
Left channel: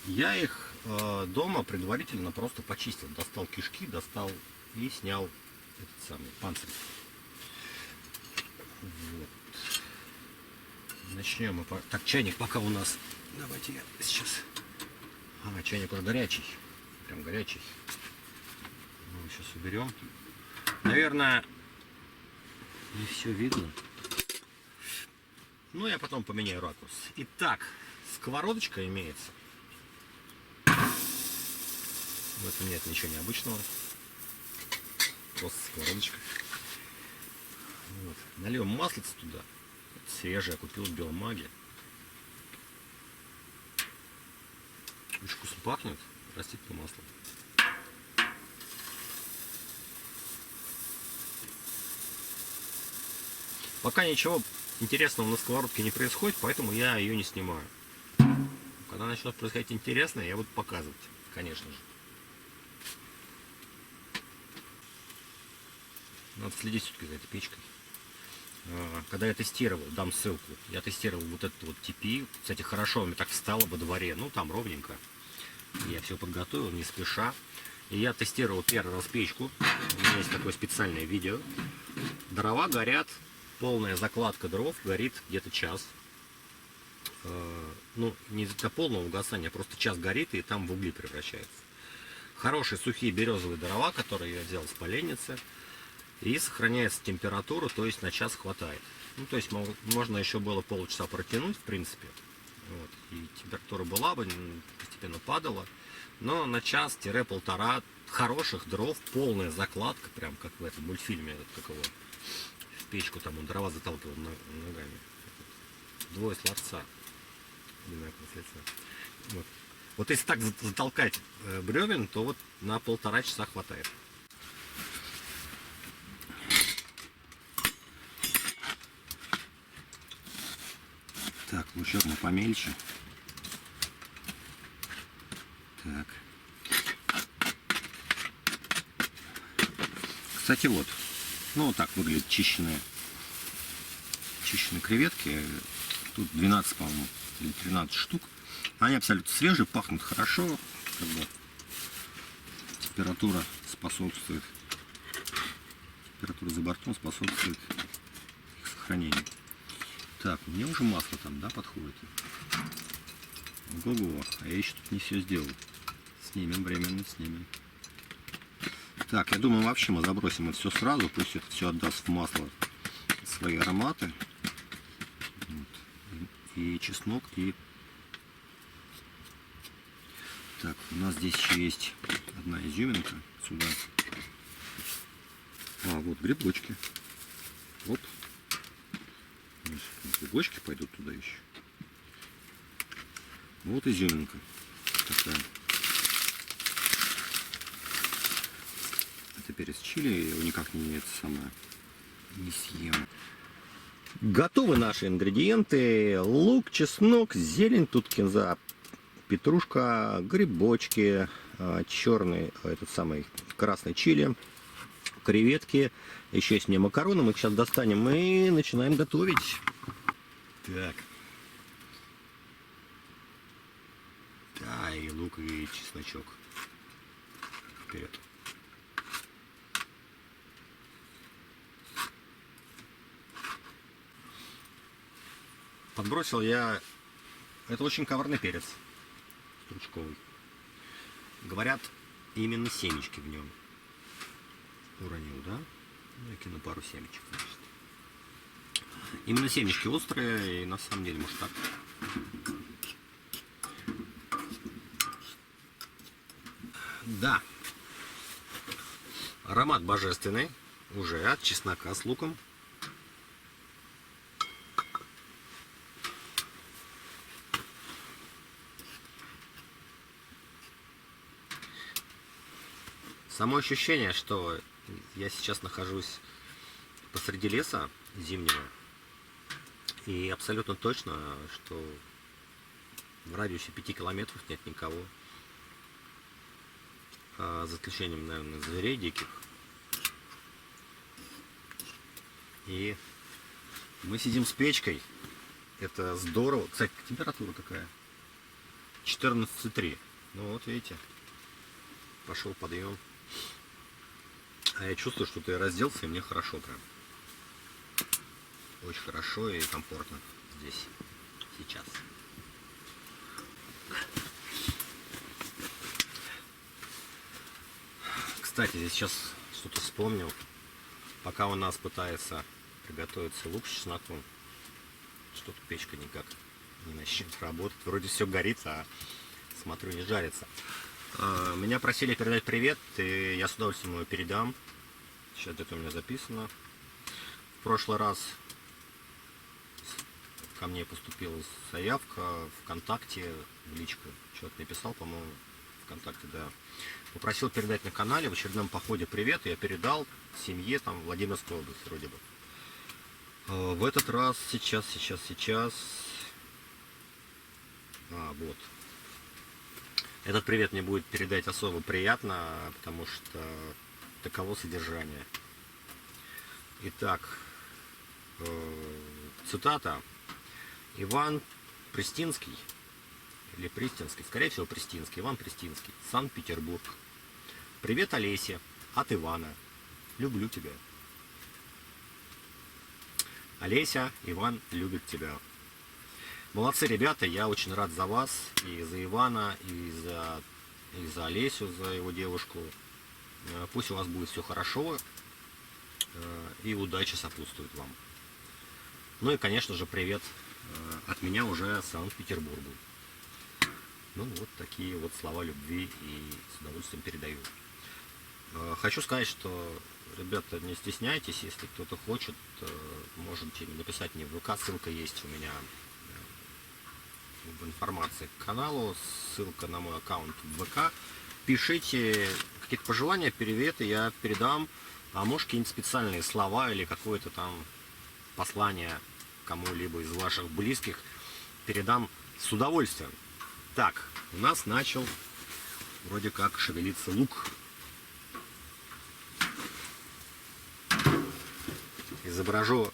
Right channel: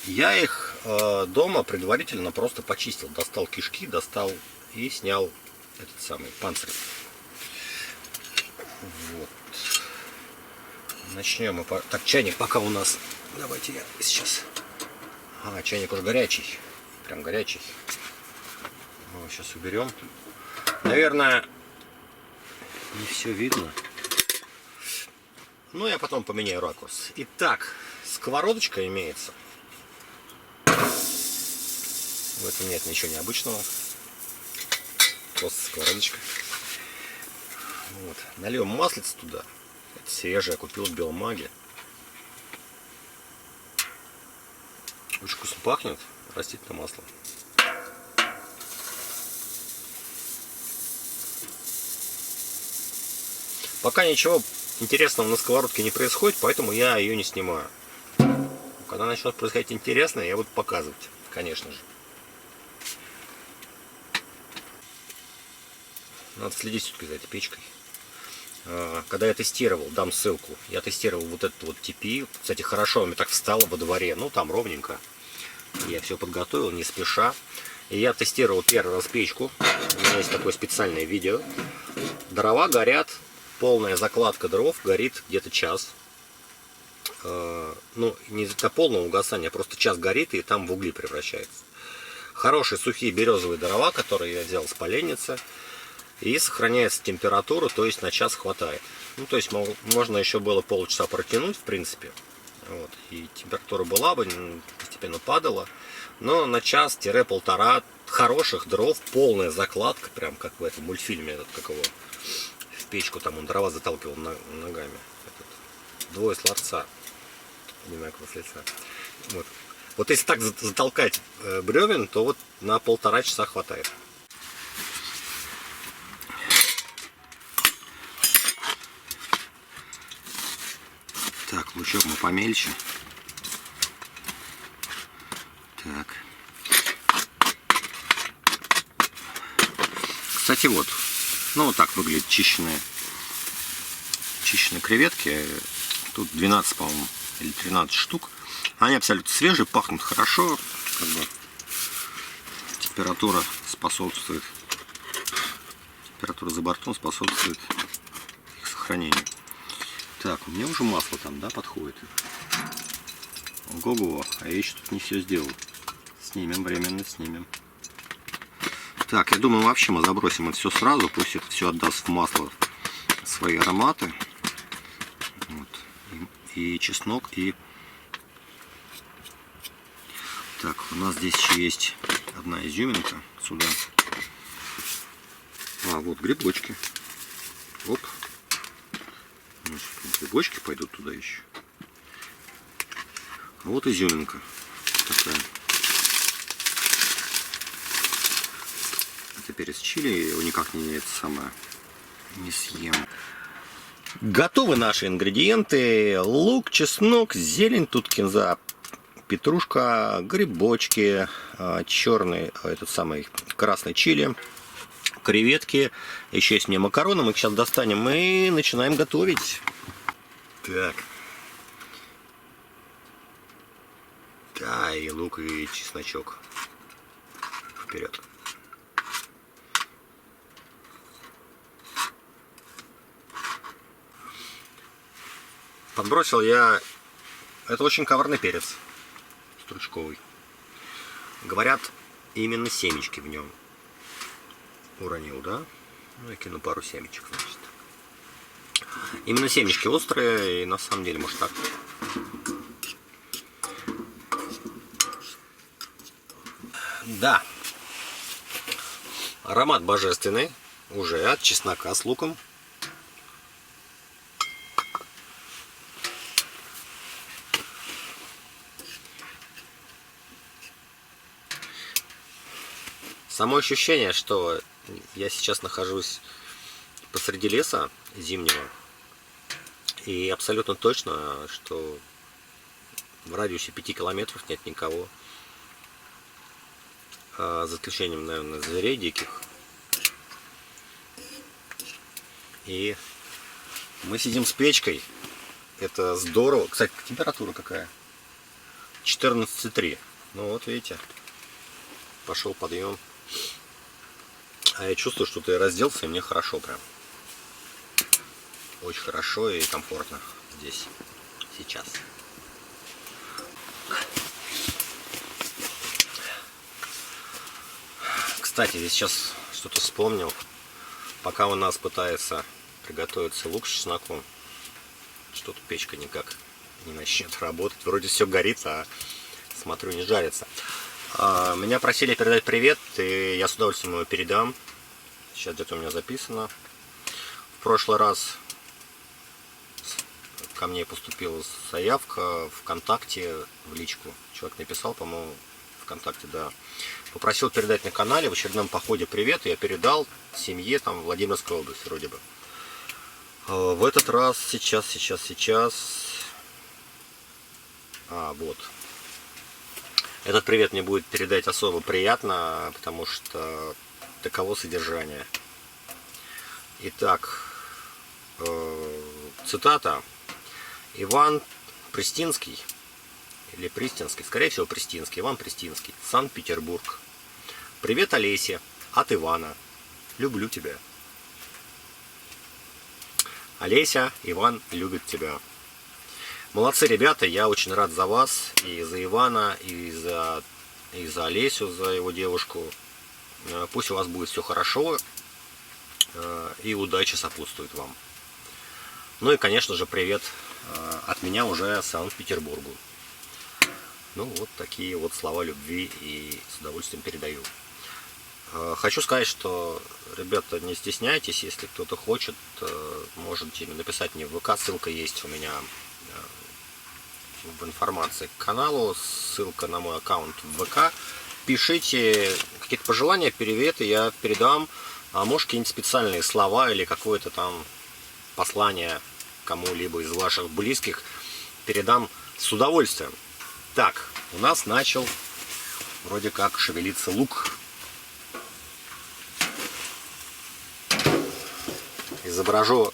Я их дома предварительно просто почистил. Достал кишки, достал и снял этот самый панцирь. Вот. Начнем мы. Так, чайник пока у нас. Давайте я сейчас. Ага, чайник уже горячий. Прям горячий. Мы его сейчас уберем. Наверное, не все видно. Ну, я потом поменяю ракурс. Итак, сковородочка имеется. В этом нет ничего необычного. Просто сковородочка. Вот. Нальем маслица туда. Это свежее, я купил в Беломаге. Очень вкусно пахнет. Растительное масло. Пока ничего интересного на сковородке не происходит, поэтому я ее не снимаю. Когда начнет происходить интересное, я буду показывать, конечно же. Надо следить все-таки за этой печкой. Когда я тестировал, дам ссылку, я тестировал вот этот вот TPI. Кстати, хорошо у меня так встало во дворе, ну там ровненько. Я все подготовил, не спеша. И я тестировал первый раз печку. У меня есть такое специальное видео. Дрова горят, полная закладка дров горит где-то час. Ну, не до полного угасания, просто час горит и там в угли превращается. Хорошие сухие березовые дрова, которые я взял с поленницы. И сохраняется температура, то есть на час хватает. Ну, то есть можно еще было полчаса протянуть, в принципе. Вот. И температура была бы, постепенно падала. Но на час-полтора хороших дров, полная закладка, прям как в этом мультфильме, этот, как его, в печку там он дрова заталкивал ногами. Этот, двое с ларца. Одинаково с лица. Вот. Вот если так затолкать бревен, то вот на полтора часа хватает. Так, лучок мы помельче. Так. Кстати, вот. Ну, вот так выглядят чищенные креветки. Тут 12, по-моему, или 13 штук. Они абсолютно свежие, пахнут хорошо. Как бы температура способствует. Температура за бортом способствует их сохранению. Так, у меня уже масло там, да, подходит. Ого-го, а я еще тут не все сделал. Снимем, временно снимем. Так, я думаю, вообще мы забросим это все сразу. Пусть это все отдаст в масло свои ароматы. Вот. И чеснок, и... Так, у нас здесь еще есть одна изюминка. Сюда. А, вот грибочки. Оп. Грибочки пойдут туда еще. А вот изюминка такая. Это перец чили, его никак не не съем. Готовы наши ингредиенты. Лук, чеснок, зелень, тут кинза, петрушка, грибочки, черный, этот самый красный чили, креветки. Еще есть мне макароны, мы их сейчас достанем и начинаем готовить. Так. Да, и лук, и чесночок. Вперед. Подбросил я... Это очень коварный перец. Стручковый. Говорят, именно семечки в нем. Уронил, да? Ну, я кину пару семечек, значит. Именно семечки острые, и на самом деле, может, так. Да. Аромат божественный. Уже от чеснока с луком. Само ощущение, что я сейчас нахожусь посреди леса зимнего. И абсолютно точно, что в радиусе 5 километров нет никого. За исключением, наверное, зверей диких. И мы сидим с печкой. Это здорово. Кстати, температура какая? 14,3. Ну вот видите, пошел подъем. А я чувствую, что ты разделся, и мне хорошо прям. Очень хорошо и комфортно здесь, сейчас. Кстати, здесь сейчас что-то вспомнил. Пока у нас пытается приготовиться лук с чесноком, что-то печка никак не начнет работать. Вроде все горит, а смотрю, не жарится. Меня просили передать привет, и я с удовольствием его передам. Сейчас где-то у меня записано. В прошлый раз ко мне поступила заявка ВКонтакте в личку. Человек написал, по-моему, ВКонтакте, да. Попросил передать на канале в очередном походе привет, и я передал семье там Владимирской области вроде бы. В этот раз, сейчас. Вот. Этот привет мне будет передать особо приятно, потому что таково содержание. Итак, цитата. Иван Пристинский, или Пристинский, скорее всего Пристинский, Иван Пристинский, Санкт-Петербург. Привет, Олесе, от Ивана. Люблю тебя. Олеся, Иван любит тебя. Молодцы, ребята, я очень рад за вас, и за Ивана, и за Олесю, за его девушку. Пусть у вас будет все хорошо, и удача сопутствует вам. Ну и, конечно же, привет от меня уже Санкт-Петербургу. Ну, вот такие вот слова любви, и с удовольствием передаю. Хочу сказать, что, ребята, не стесняйтесь, если кто-то хочет, можете написать мне в ВК, ссылка есть у меня в информации к каналу, ссылка на мой аккаунт в ВК. Пишите какие-то пожелания, приветы, я передам, а может какие-нибудь специальные слова или какое-то там послание кому-либо из ваших близких передам с удовольствием. Так, у нас начал вроде как шевелиться лук. Изображу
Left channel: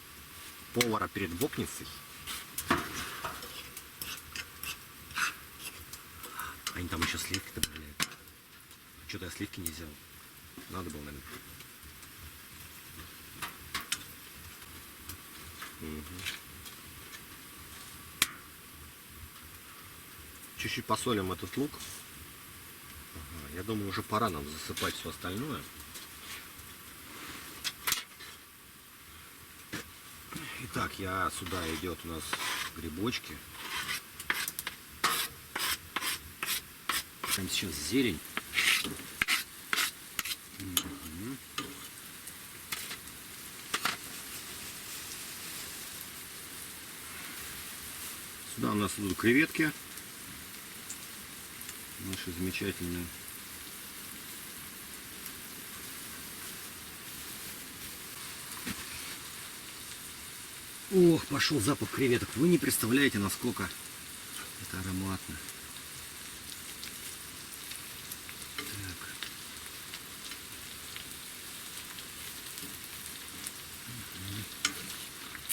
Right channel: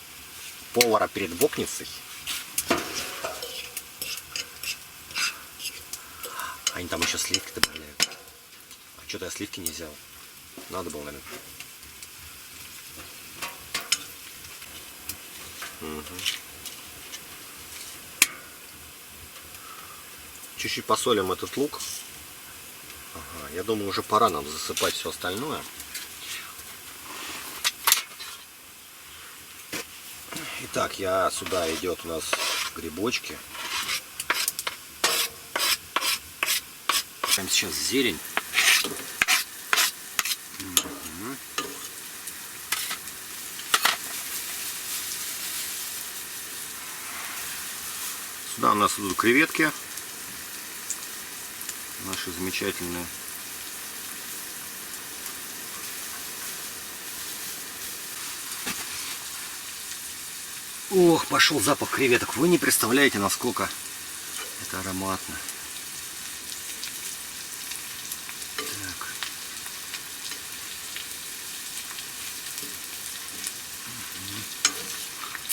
повара перед вокницей. Они там еще сливки добавляют. А что-то я сливки не взял. Надо было, наверное. Угу. Чуть-чуть посолим этот лук. Ага, я думаю, уже пора нам засыпать все остальное. Итак, сюда идет у нас грибочки. Там сейчас зелень. Сюда у нас идут креветки. Наши замечательные. Ох, пошел запах креветок. Вы не представляете, насколько это ароматно. Так.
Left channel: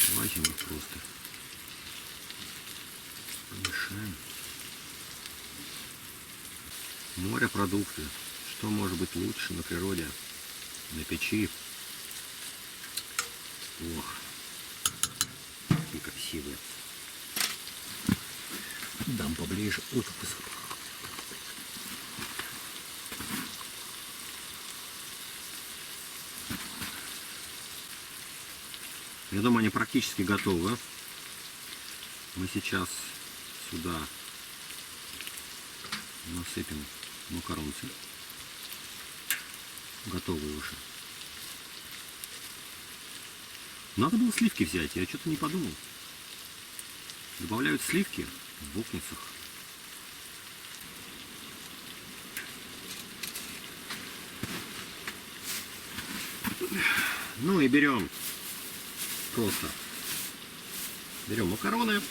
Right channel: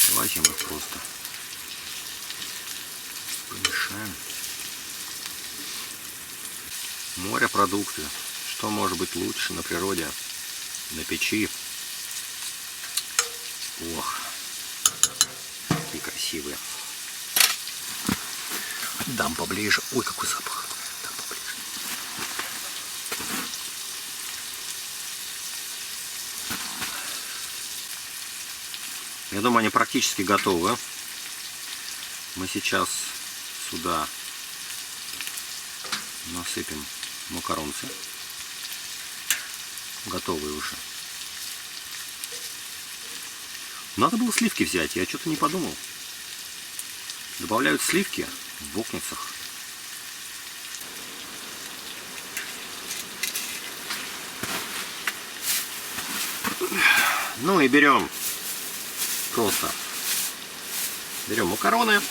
Давайте мы их просто помешаем. Морепродукты. Что может быть лучше на природе, на печи? Ох, какие красивые. Дам поближе. Ой, какой запах. Дам поближе. Я думаю, они практически готовы. Мы сейчас сюда насыпем макаронцы. Готовые уже. Надо было сливки взять, я что-то не подумал. Добавляют сливки в вокницах. Ну и берем макароны.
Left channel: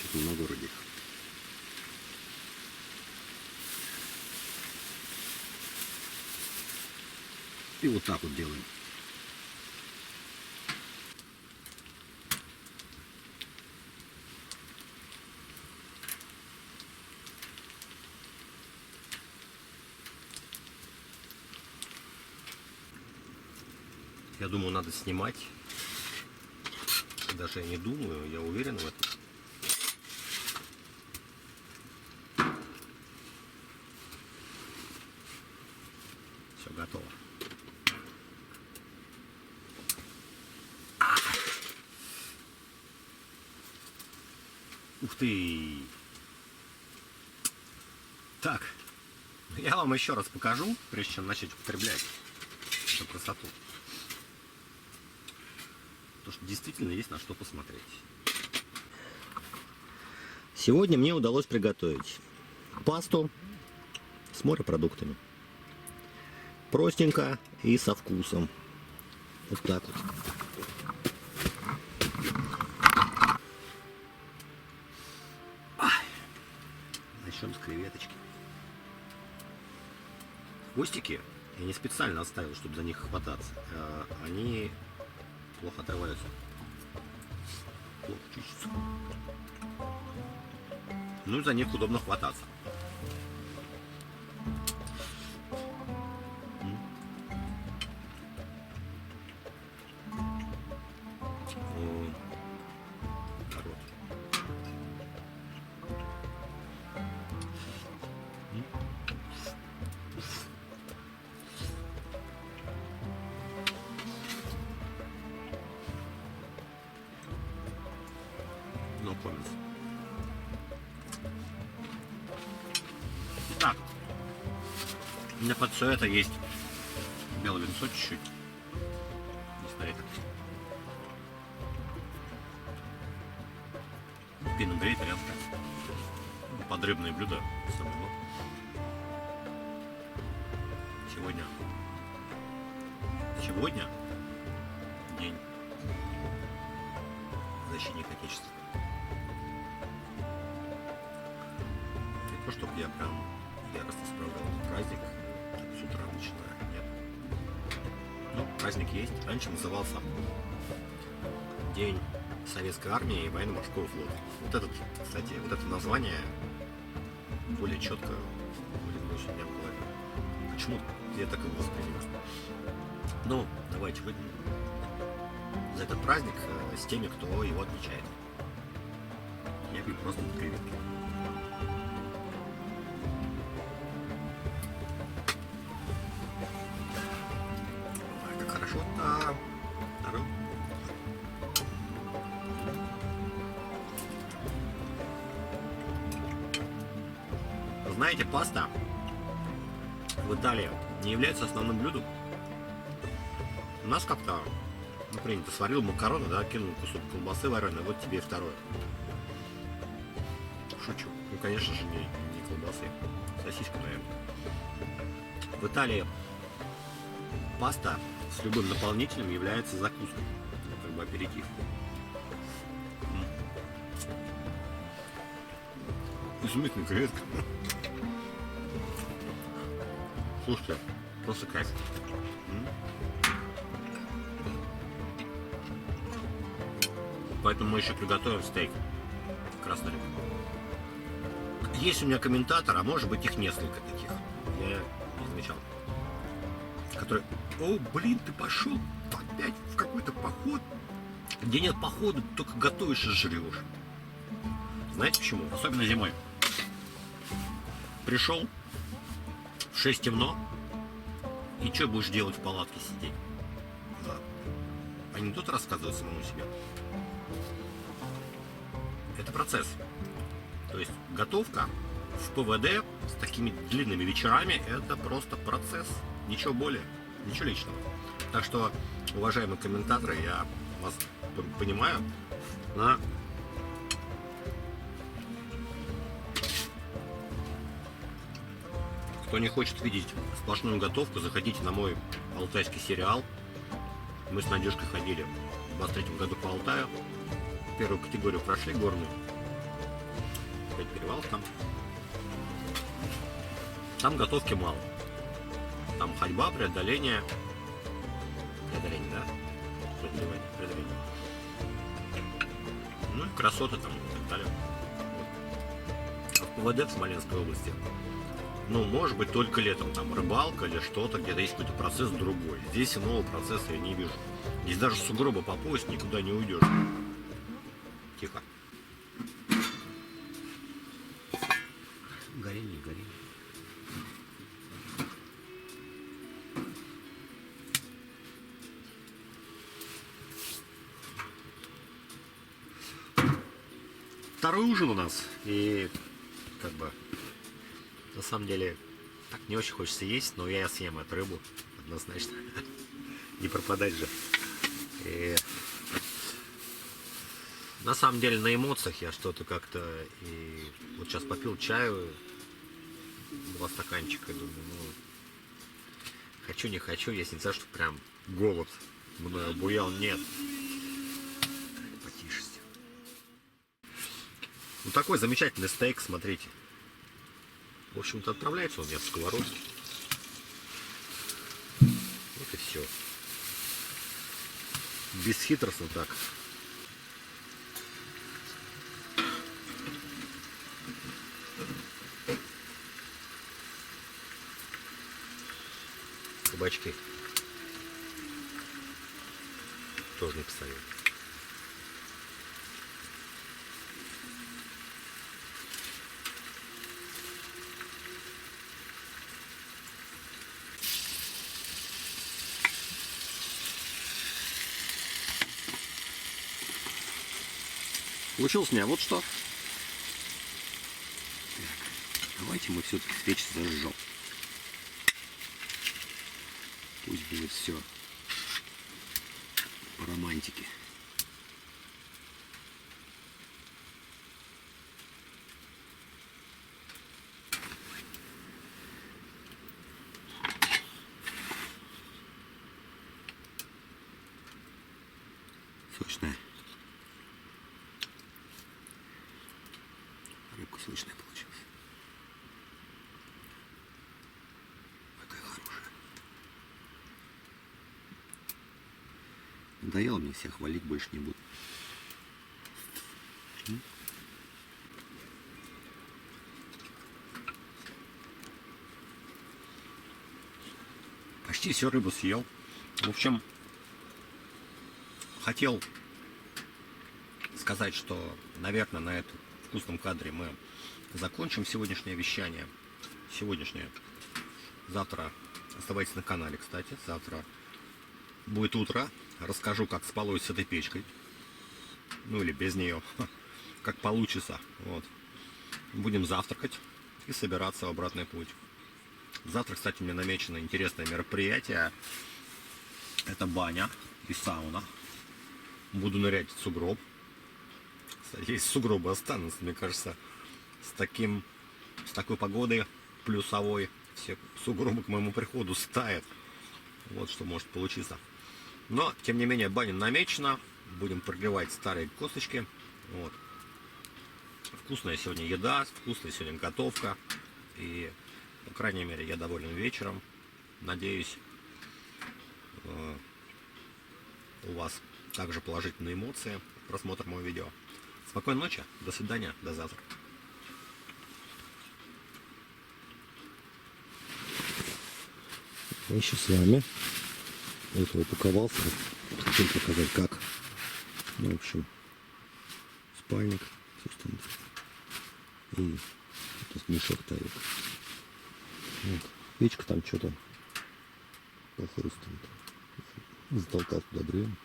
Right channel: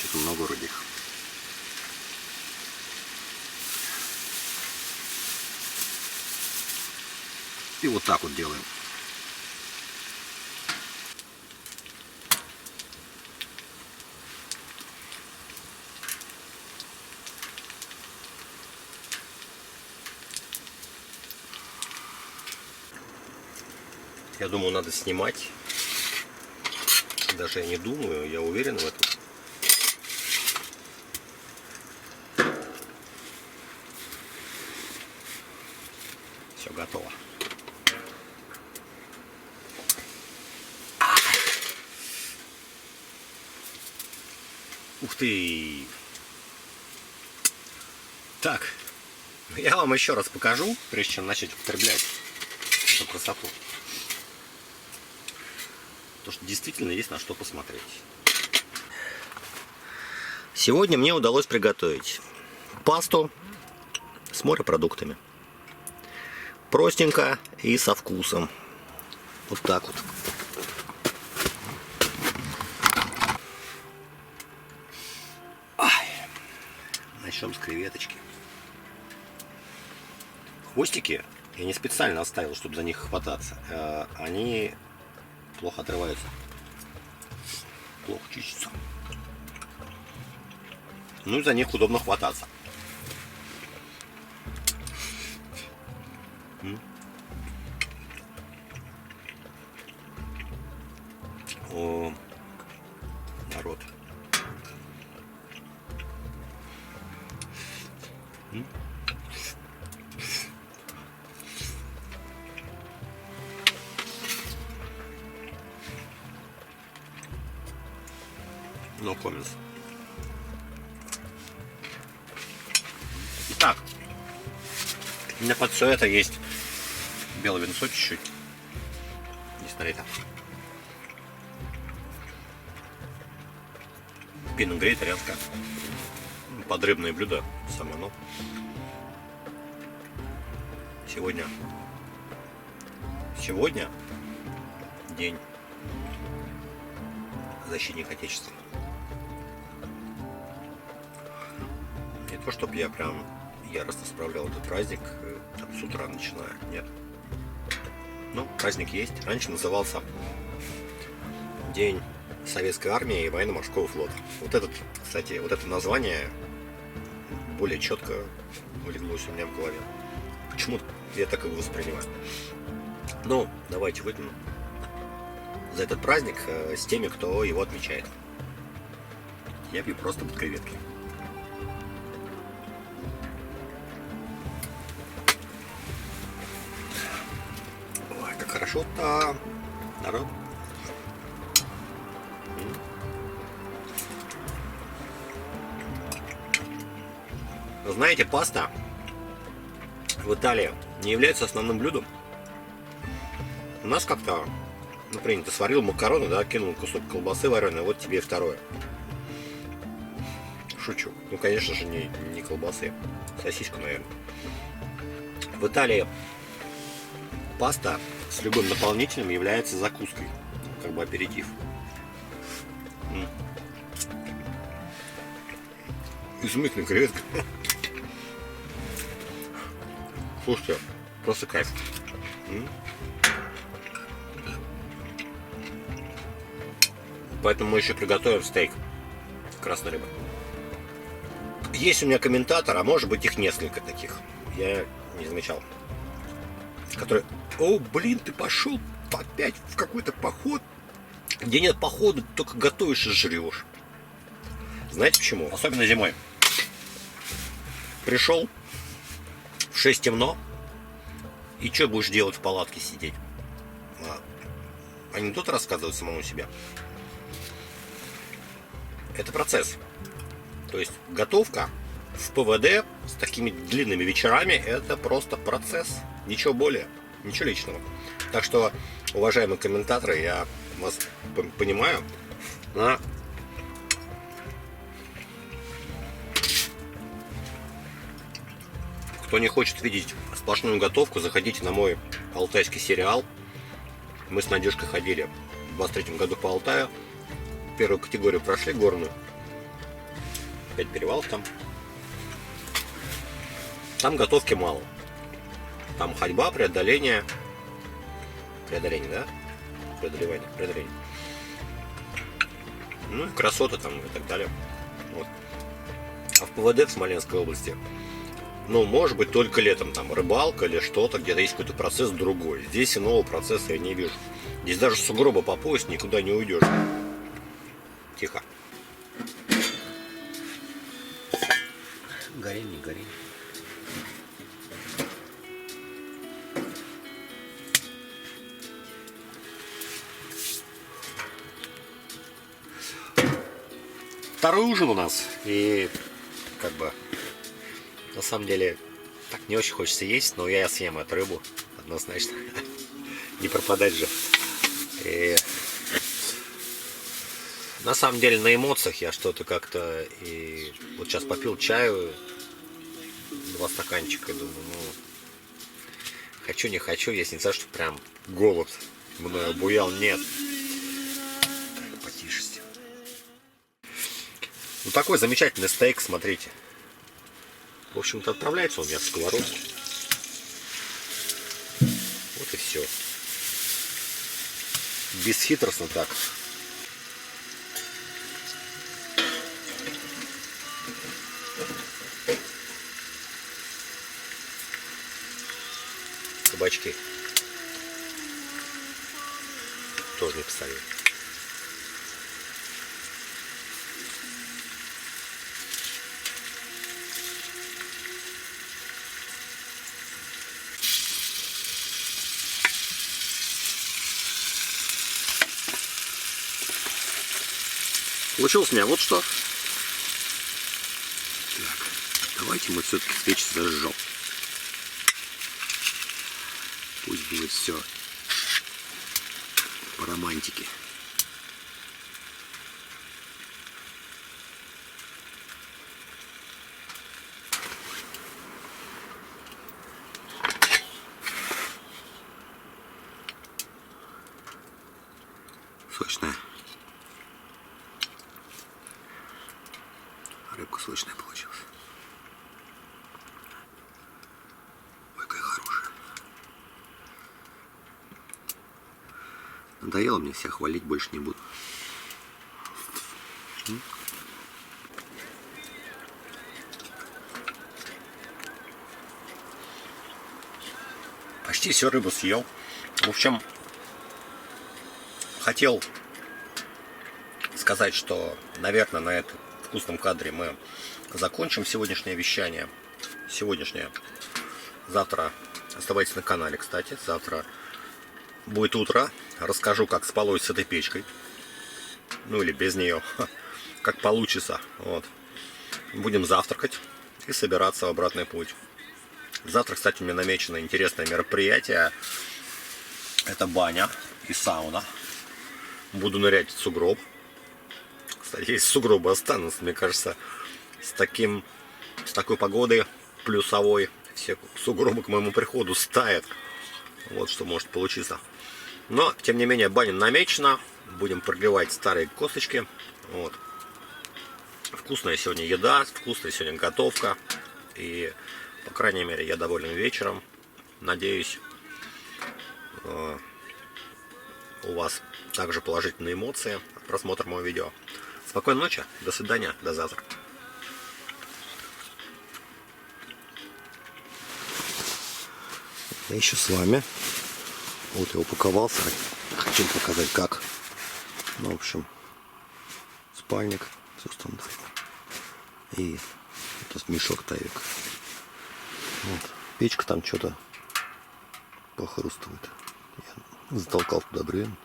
Что-то много вроде их. И вот так вот делаем. Я думаю, надо снимать. Даже я не думаю, я уверен в этом. Все готово. Ух ты! Так, я вам еще раз покажу, прежде чем начать употреблять эту красоту. Потому что действительно есть на что посмотреть. Сегодня мне удалось приготовить пасту с морепродуктами. Простенько и со вкусом. Вот так вот. Начнем с креветочки. Хвостики я не специально оставил, чтобы за них хвататься. Они плохо отрываются. Плохо чистятся. Ну и за них удобно хвататься. О, народ. No comments. Итак, у меня под все это есть белое винцо чуть-чуть. Не на это. Пино-грей итальянское. Подрыбное блюдо само, но сегодня день защитника Отечества. Не то, чтобы я прям яростно справлял этот праздник, так с утра начинаю, нет. Ну, праздник есть. Раньше назывался День Советской Армии и Военно-Морского флота. Вот этот, кстати, вот это название более четко улеглось у меня в голове. Почему-то я так его воспринимаю. Ну, давайте выпьем за этот праздник с теми, кто его отмечает. Я пью просто под креветки. Ой, как хорошо-то, народ. Знаете, паста в Италии не является основным блюдом. У нас как-то, ну, принято, сварил макароны, да, кинул кусок колбасы вареной, вот тебе и второе. Шучу. Ну, конечно же, не колбасы, сосиску, наверное. В Италии паста с любым наполнителем является закуской, как бы аперитив. Изумительная креветка. Слушайте, просто кайф. Поэтому мы еще приготовим стейк красной рыбы. Есть у меня комментатор, а может быть их несколько таких. Я не замечал. Который: о, блин, ты пошел опять в какой-то поход, где нет похода, только готовишь и жрешь. Знаете почему? Особенно зимой. Пришел, в 6 темно, и что будешь делать в палатке сидеть? Анекдот рассказывать самому себе. Это процесс. То есть готовка в ПВД с такими длинными вечерами — это просто процесс. Ничего более, ничего личного. Так что, уважаемые комментаторы, я вас понимаю. Кто не хочет видеть сплошную готовку, заходите на мой алтайский сериал. Мы с Надежкой ходили в 23-м году по Алтаю. Первую категорию прошли, горную. 5 перевалов там. Там готовки мало. Там ходьба, преодоление. Преодоление, да? Преодоление. Ну и красота там и так далее. Вот. А в ПВД в Смоленской области Ну, может быть, только летом, там, рыбалка или что-то, где-то есть какой-то процесс другой. Здесь иного процесса я не вижу. Здесь даже сугроба по пояс никуда не уйдешь. Тихо. Гори, не гори. Второй ужин у нас. И как бы на самом деле так не очень хочется есть, но я съем эту рыбу однозначно. Не пропадать же. И на самом деле на эмоциях я что-то как-то и вот сейчас попил чаю, 2 стаканчика, и думаю, ну хочу не хочу, если не знаю, что прям голод мной обуял, нет. Так, потише. Ну такой замечательный стейк, смотрите. В общем-то отправляется он у меня в сковородку. Вот и все. Бесхитростно так. Кабачки тоже не посолил. Получилось у меня вот что. Так, давайте мы все-таки свечи зажжем. Пусть будет все по романтике. Сочная. Рыбка сочная получилась. Ой, какая хорошая. Надоело мне себя хвалить, больше не буду. Почти всю рыбу съел. В общем, хотел сказать, что, наверное, на этом вкусном кадре мы закончим сегодняшнее вещание. Сегодняшнее. Завтра оставайтесь на канале, кстати. Завтра будет утро. Расскажу, как спалось с этой печкой. Ну или без нее. Как получится. Вот. Будем завтракать и собираться в обратный путь. Завтра, кстати, у меня намечено интересное мероприятие. Это баня и сауна. Буду нырять в сугроб. Кстати, если сугробы останутся, мне кажется, с такой погодой плюсовой, все сугробы к моему приходу стают. Вот что может получиться. Но, тем не менее, баня намечена. Будем прогревать старые косточки. Вот. Вкусная сегодня еда, вкусная сегодня готовка. И, по крайней мере, я доволен вечером. Надеюсь, у вас также положительные эмоции от просмотра моего видео. Спокойной ночи, до свидания, до завтра. Я еще с вами. Вот я упаковался. Хочу показать как. Ну, в общем, спальник, все стандартно. И этот мешок тайвик. Вот. Печка там что-то похрустывает. Я затолкал туда бревен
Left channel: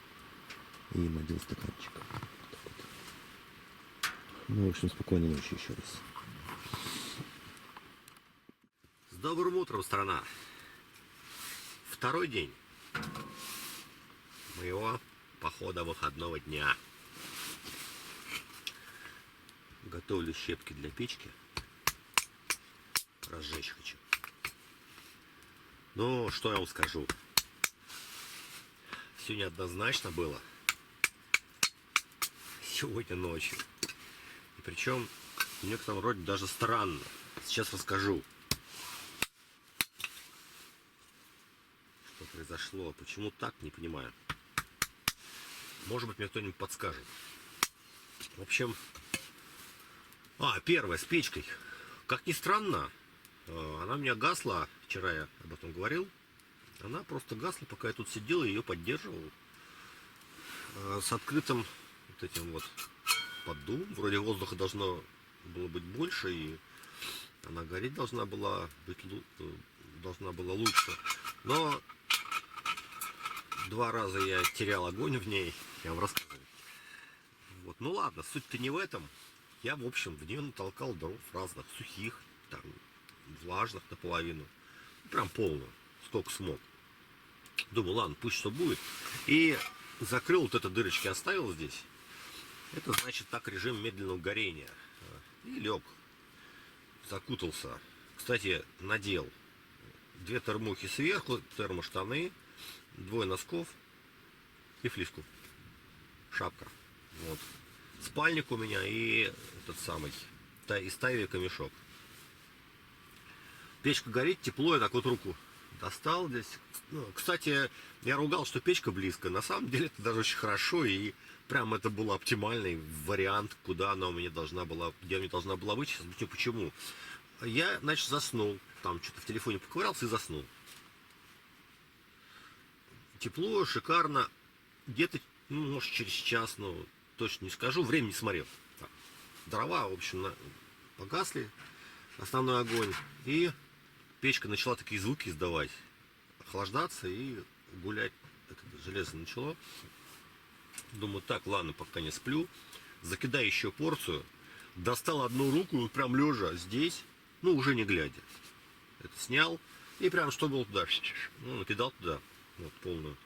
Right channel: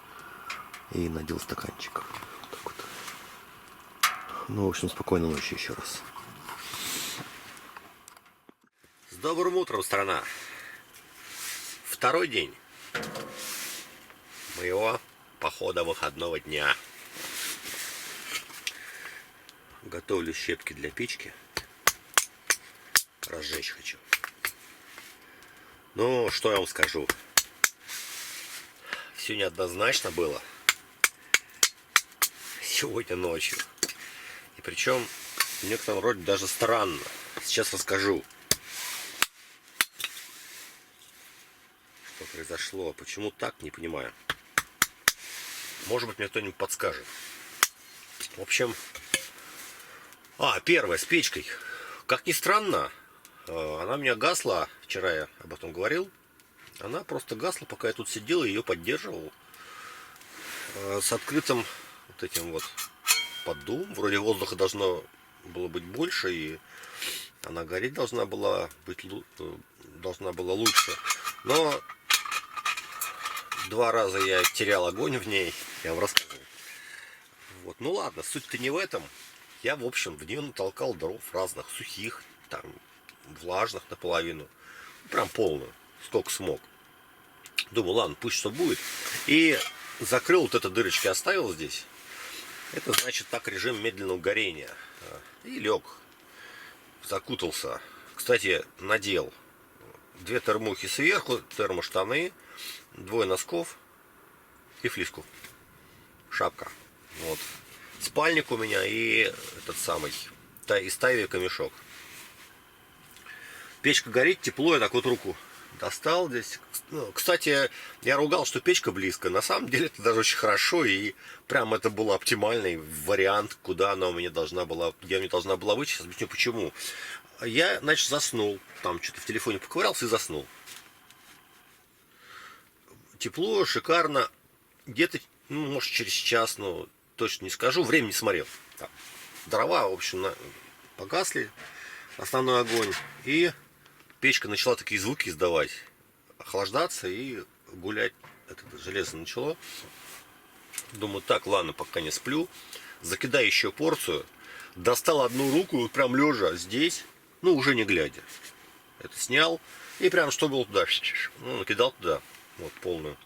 и надел стаканчик. Вот так вот. Ну, в общем, спокойной ночи еще раз. С добрым утром, страна! Второй день моего похода выходного дня. Готовлю щепки для печки. Разжечь хочу. Ну, что я вам скажу. Все неоднозначно было. Сегодня ночью. И причем в некотором роде даже странно. Сейчас расскажу. Что произошло. Почему так, не понимаю. Может быть, мне кто-нибудь подскажет. В общем... первое, с печкой. Как ни странно, Она у меня гасла, вчера я об этом говорил. Она просто гасла, пока я тут сидел и ее поддерживал. С открытым вот этим вот поддувом. Вроде воздуха должно было быть больше, и она гореть должна была лучше. Но 2 раза я терял огонь в ней, я вам рассказывал. Вот. Ну ладно, суть-то не в этом. Я, в общем, в нее натолкал дров разных, сухих, там, влажных наполовину. Прям полную, сколько смог. Думаю, ладно, пусть что будет. И закрыл вот эти дырочки, оставил здесь. Это значит так режим медленного горения. И лег. Закутался. Кстати, надел 2 термухи сверху, термоштаны, 2 носков и флиску. Шапка. Вот. Спальник у меня и этот самый, из тайвика мешок. Печка горит, тепло, я так вот руку достал здесь. Ну, кстати, я ругал, что печка близко. На самом деле это даже очень хорошо. И прям это был оптимальный вариант, куда она у меня должна была, где мне должна была быть. Сейчас объясню почему. Я, значит, заснул. Там что-то в телефоне поковырялся и заснул. Тепло, шикарно. Где-то, ну, может, через час, но точно не скажу. Время не смотрел. Там. Дрова, в общем, погасли. Основной огонь. И печка начала такие звуки издавать. Охлаждаться и гулять. Это железо начало. Думаю, так, ладно, пока не сплю. Закидаю еще порцию. Достал одну руку и прям лежа здесь. Ну, уже не глядя. Это снял. И прям что было туда. Ну, накидал туда. Вот, полную.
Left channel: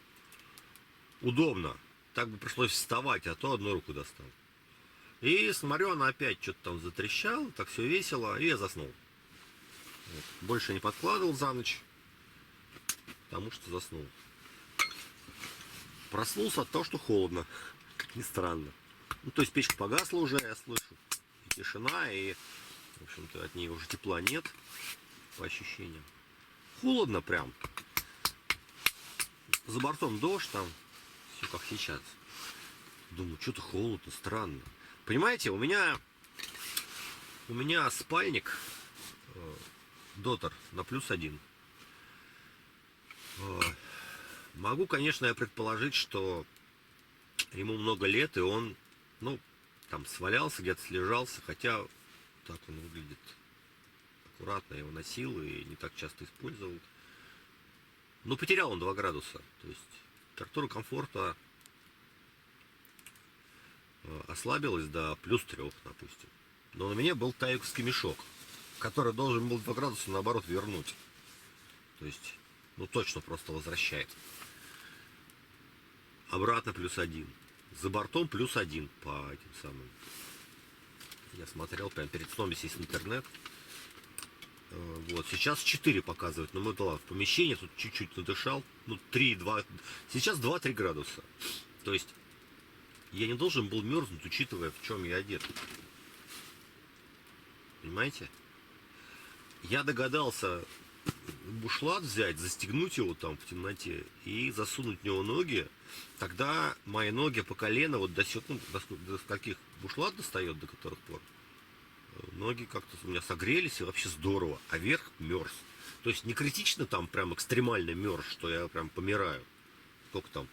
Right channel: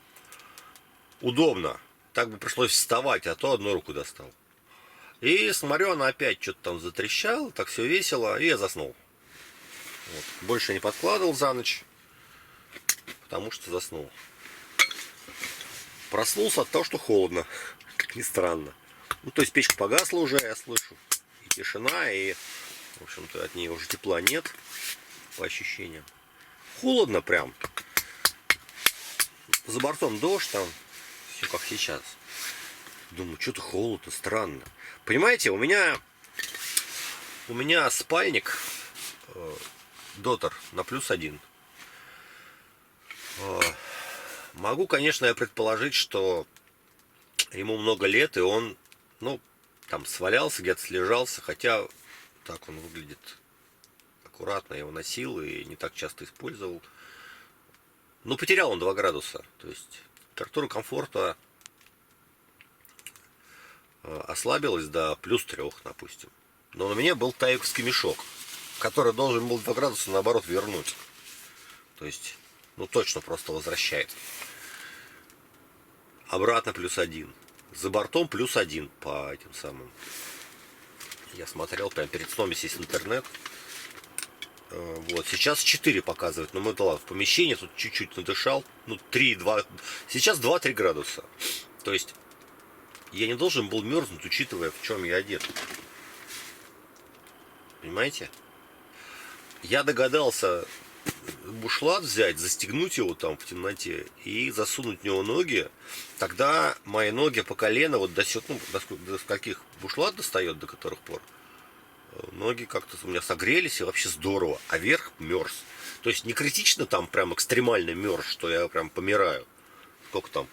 Удобно. Так бы пришлось вставать, а то одну руку достал. И смотрю, она опять что-то там затрещала. Так все весело. И я заснул. Вот. Больше не подкладывал за ночь. Потому что заснул. Проснулся от того, что холодно. Как ни странно. Ну, то есть печка погасла уже, я слышу. И тишина, и, в общем-то, от нее уже тепла нет. По ощущениям. Холодно прям. За бортом дождь там. Все как сейчас. Думаю, что-то холодно, странно. Понимаете, у меня спальник Дотер на +1. Могу, конечно, я предположить, что ему много лет, и он, ну, там свалялся, где-то слежался, хотя так он выглядит аккуратно, я его носил и не так часто использовал. Но потерял он 2 градуса, то есть температура комфорта ослабилась до +3, допустим. Но у меня был тайвиковский мешок, который должен был 2 градуса, наоборот, вернуть. То есть, ну, точно просто возвращает. Обратно +1. За бортом +1 по этим самым. Я смотрел прямо перед сном, если есть интернет. Вот, сейчас 4 показывает, но мы, да ладно, в помещении тут чуть-чуть надышал. Ну, 3-2. Сейчас 2-3 градуса. То есть, я не должен был мерзнуть, учитывая, в чем я одет. Понимаете? Я догадался бушлат взять, застегнуть его там в темноте и засунуть в него ноги. Тогда мои ноги по колено, вот до каких бушлат достает, до которых пор, ноги как-то у меня согрелись и вообще здорово. А верх мерз. То есть не критично там прям экстремально мерз, что я прям помираю. Сколько там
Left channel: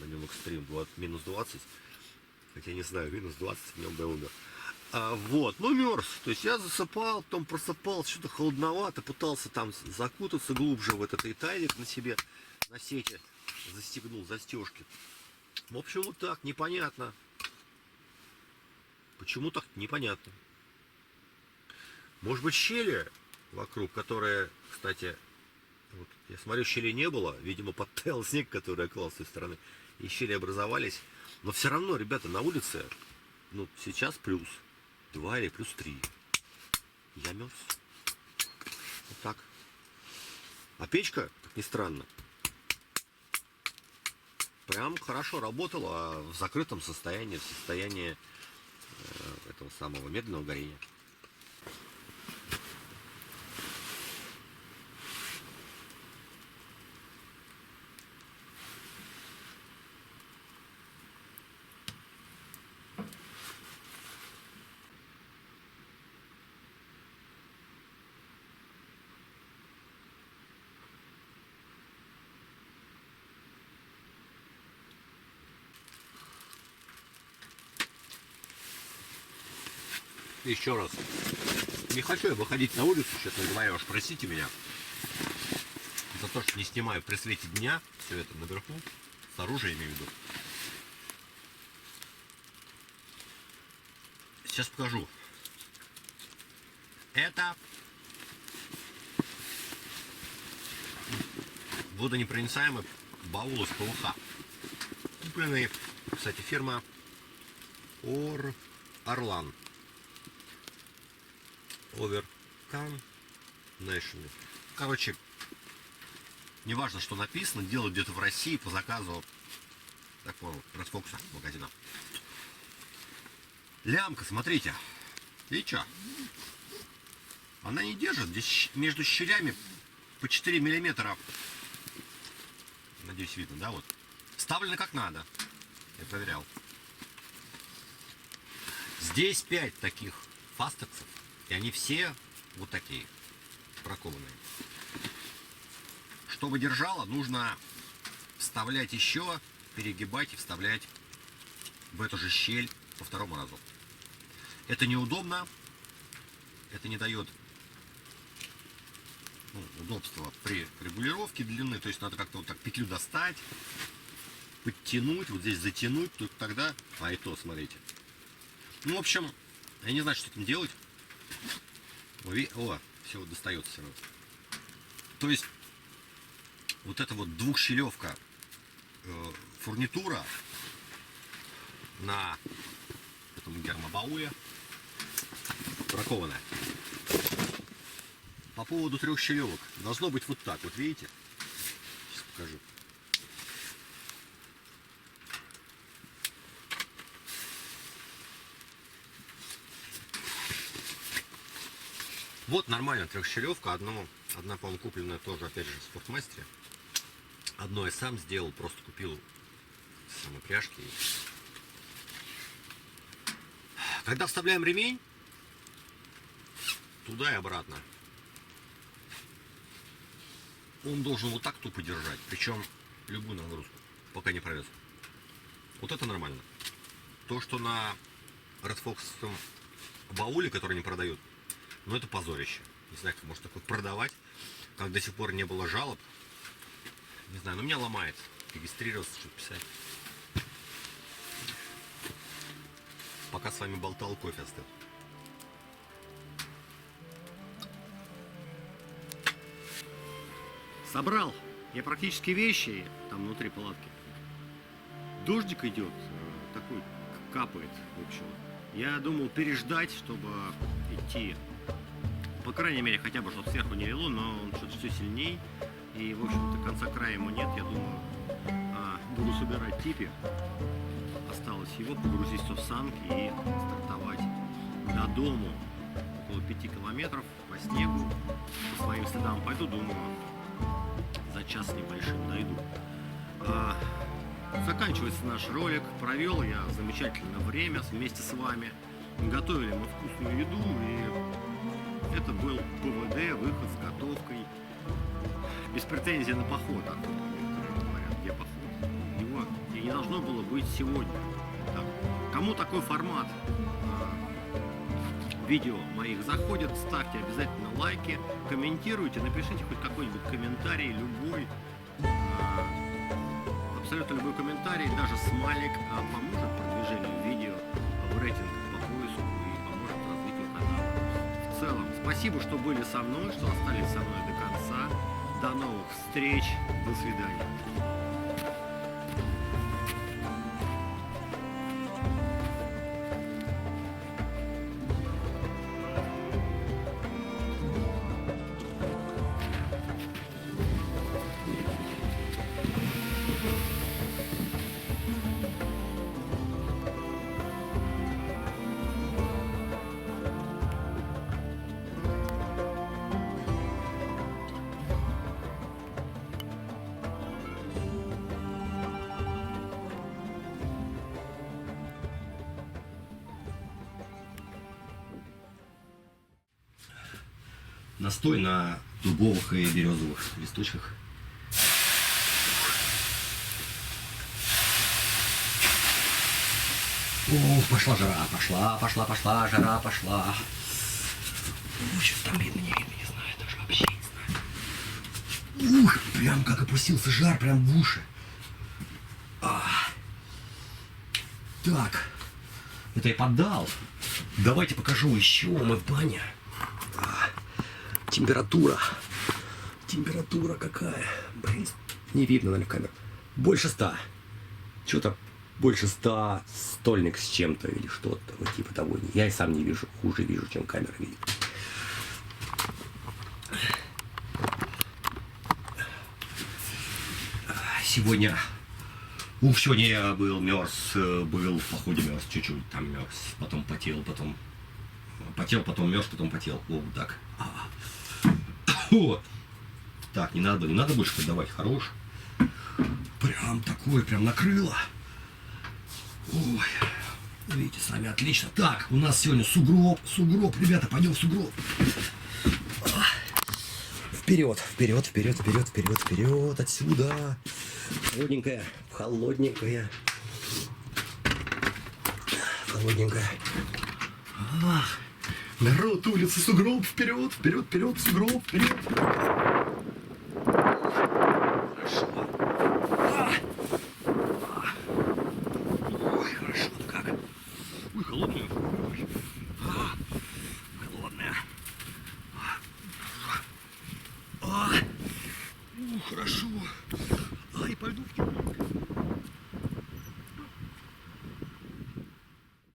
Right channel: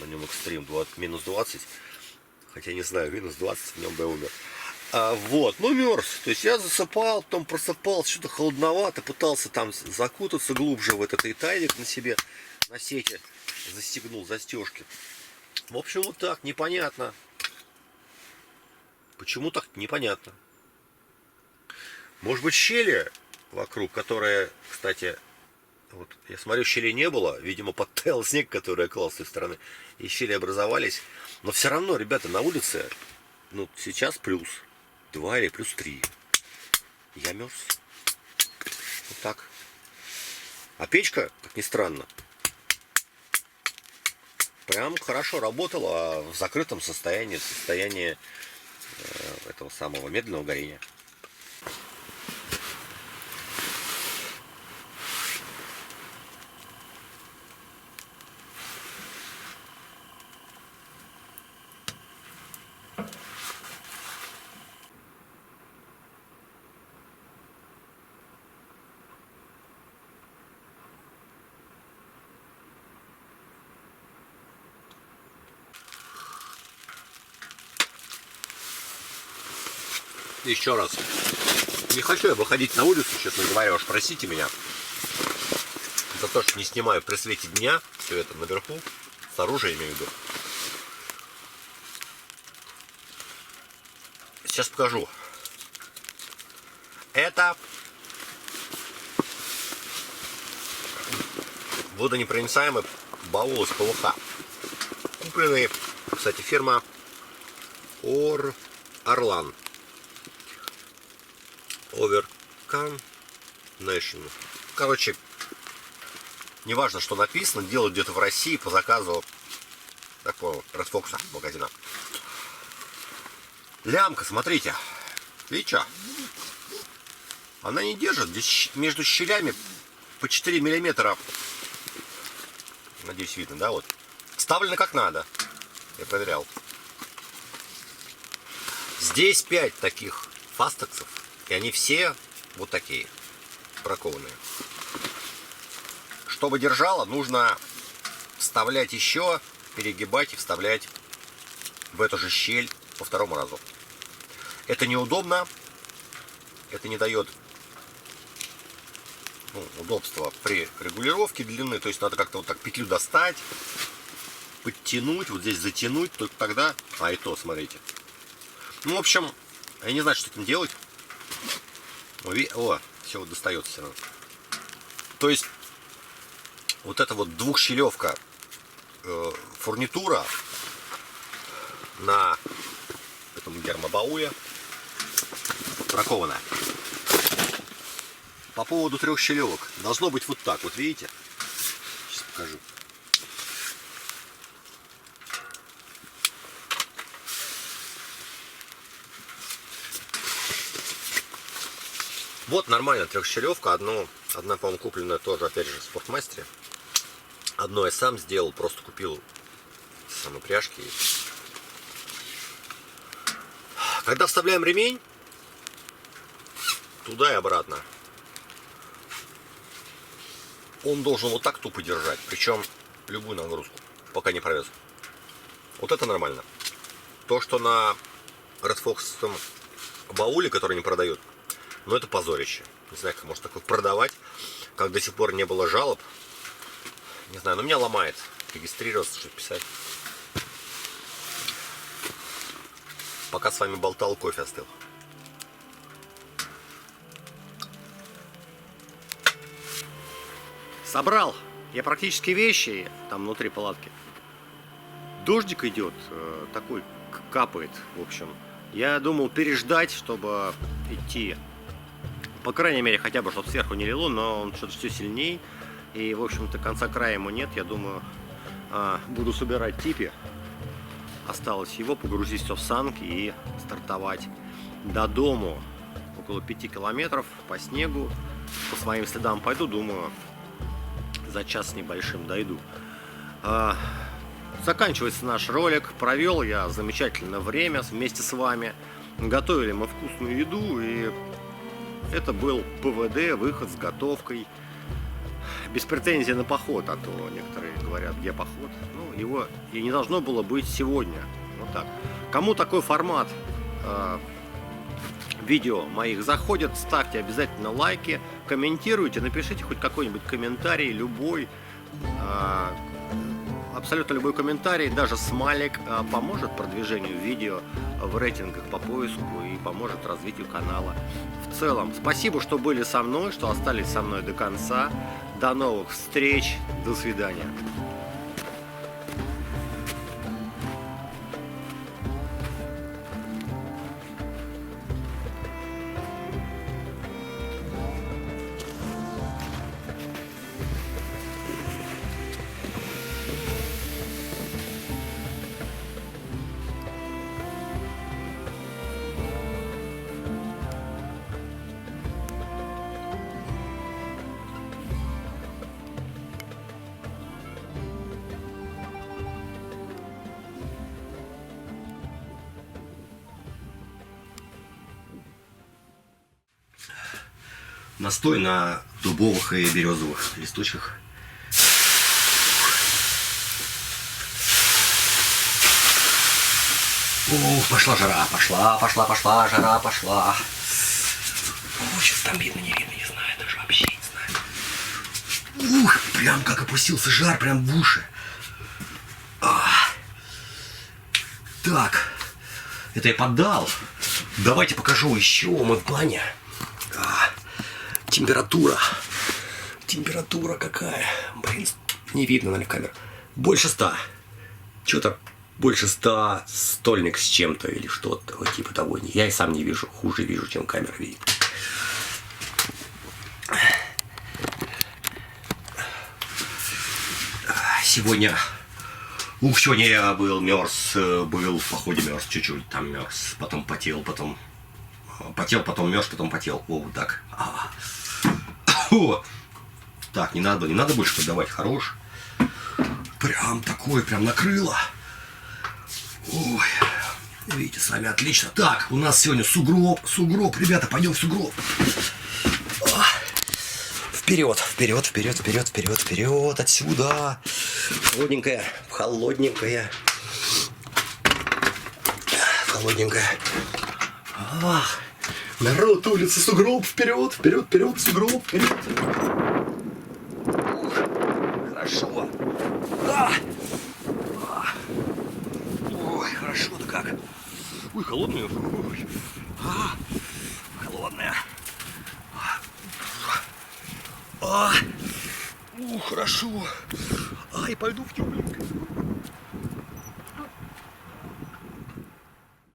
на нем экстрим? -20. Хотя не знаю, -20 в нем бы я умер. Вот, ну мерз. То есть я засыпал, потом просыпался, что-то холодновато, пытался там закутаться глубже в этот тайник на себе, на сете, застегнул застежки. В общем, вот так, непонятно. Почему так, непонятно. Может быть, щели вокруг, которые, кстати, вот я смотрю, щелей не было, видимо, подтаял снег, который я клал с той стороны, и щели образовались. Но все равно, ребята, на улице, ну, сейчас +2 или +3. Я мерз. Вот так. А печка, как ни странно, прям хорошо работала в закрытом состоянии, в состоянии этого самого медленного горения. Еще раз. Не хочу я выходить на улицу, честно говоря, уж простите меня. За то, что не снимаю при свете дня все это наверху. Снаружи, имею в виду. Сейчас покажу. Это водонепроницаемый баул из ПВХ. Купленный, кстати, фирма Орлан. Overcome Nation. Короче, неважно, что написано, делают где-то в России по заказу такого Red Fox магазина. Лямка, смотрите. Видите что? Она не держит. Здесь между щелями по 4 миллиметра. Надеюсь, видно, да? Вот. Вставлено как надо. Я проверял. Здесь 5 таких фастексов. И они все вот такие. Бракованные. Чтобы держало, нужно вставлять еще, перегибать и вставлять в эту же щель по второму разу. Это неудобно. Это не дает удобства при регулировке длины. То есть надо как-то вот так петлю достать, подтянуть, вот здесь затянуть, только тогда. А и то, смотрите. Ну, в общем, я не знаю, что с этим делать. О, все вот достается все равно. То есть вот эта вот двухщелевка фурнитура на этом гермобауле бракованная. По поводу трехщелевок. Должно быть вот так, вот видите? Сейчас покажу. Вот нормальная трехщелевка. Одна, по-моему, купленная тоже, опять же, в Спортмастере. Одно я сам сделал, просто купил самые пряжки. Когда вставляем ремень, туда и обратно, он должен вот так тупо держать, причем любую нагрузку, пока не провез. Вот это нормально. То, что на Red Fox бауле, который не продают, ну это позорище. Не знаю, как можно такое продавать, как до сих пор не было жалоб. Не знаю, но меня ломает регистрироваться, что писать. Пока с вами болтал, кофе остыл. Собрал я практически вещи там внутри палатки. Дождик идет, такой капает, в общем. Я думал переждать, чтобы идти. По крайней мере, хотя бы, чтобы сверху не лило, но он что-то все сильней. И, в общем-то, конца края ему нет. Я думаю, буду собирать типи. Осталось его погрузить все в санки и стартовать до дому. Около 5 километров по снегу. По своим следам пойду, думаю, за час с небольшим дойду. Заканчивается наш ролик. Провел я замечательное время вместе с вами. Готовили мы вкусную еду, и это был ПВД, выход с готовкой. Без претензий на поход, а то некоторые говорят, где поход. Ну, его и не должно было быть сегодня. Вот так. Кому такой формат видео моих заходит, ставьте обязательно лайки, комментируйте, напишите хоть какой-нибудь комментарий, любой. Абсолютно любой комментарий, даже смайлик поможет продвижению видео в рейтингах по поиску и поможет развитию канала. В целом, спасибо, что были со мной, что остались со мной до конца. До новых встреч. До свидания. Настой на дубовых и березовых листочках. Ух, пошла жара, пошла, жара пошла. О, сейчас там видно, не видно, не знаю, даже вообще не знаю. Ух, прям как опустился жар, прям в уши. Так, это я поддал. Давайте покажу еще, мы в бане. Температура. Температура какая? Блин, не видно, наверное, в камеру. Больше 100. Что-то больше 100, стольник с чем-то или что-то вот типа того. Я и сам не вижу, хуже вижу, чем камера видит. Сегодня я был мерз, был в походе мерз, чуть-чуть там мерз, потом потел, потом мерз, потом потел. О, вот так. О. Так, не надо больше подавать, хорош. Прям такой, прям накрыло. Ой, видите, сами отлично. Так, у нас сегодня сугроб, ребята, пойдем в сугроб. Вперед, отсюда. Холодненькая. Народ, улица, сугроб, вперед, сугроб, вперед. Хорошо. Ой, хорошо-то как. Ой, холодная. Ой. Холодная. Хорошо. Ай, пойду в тепленькое.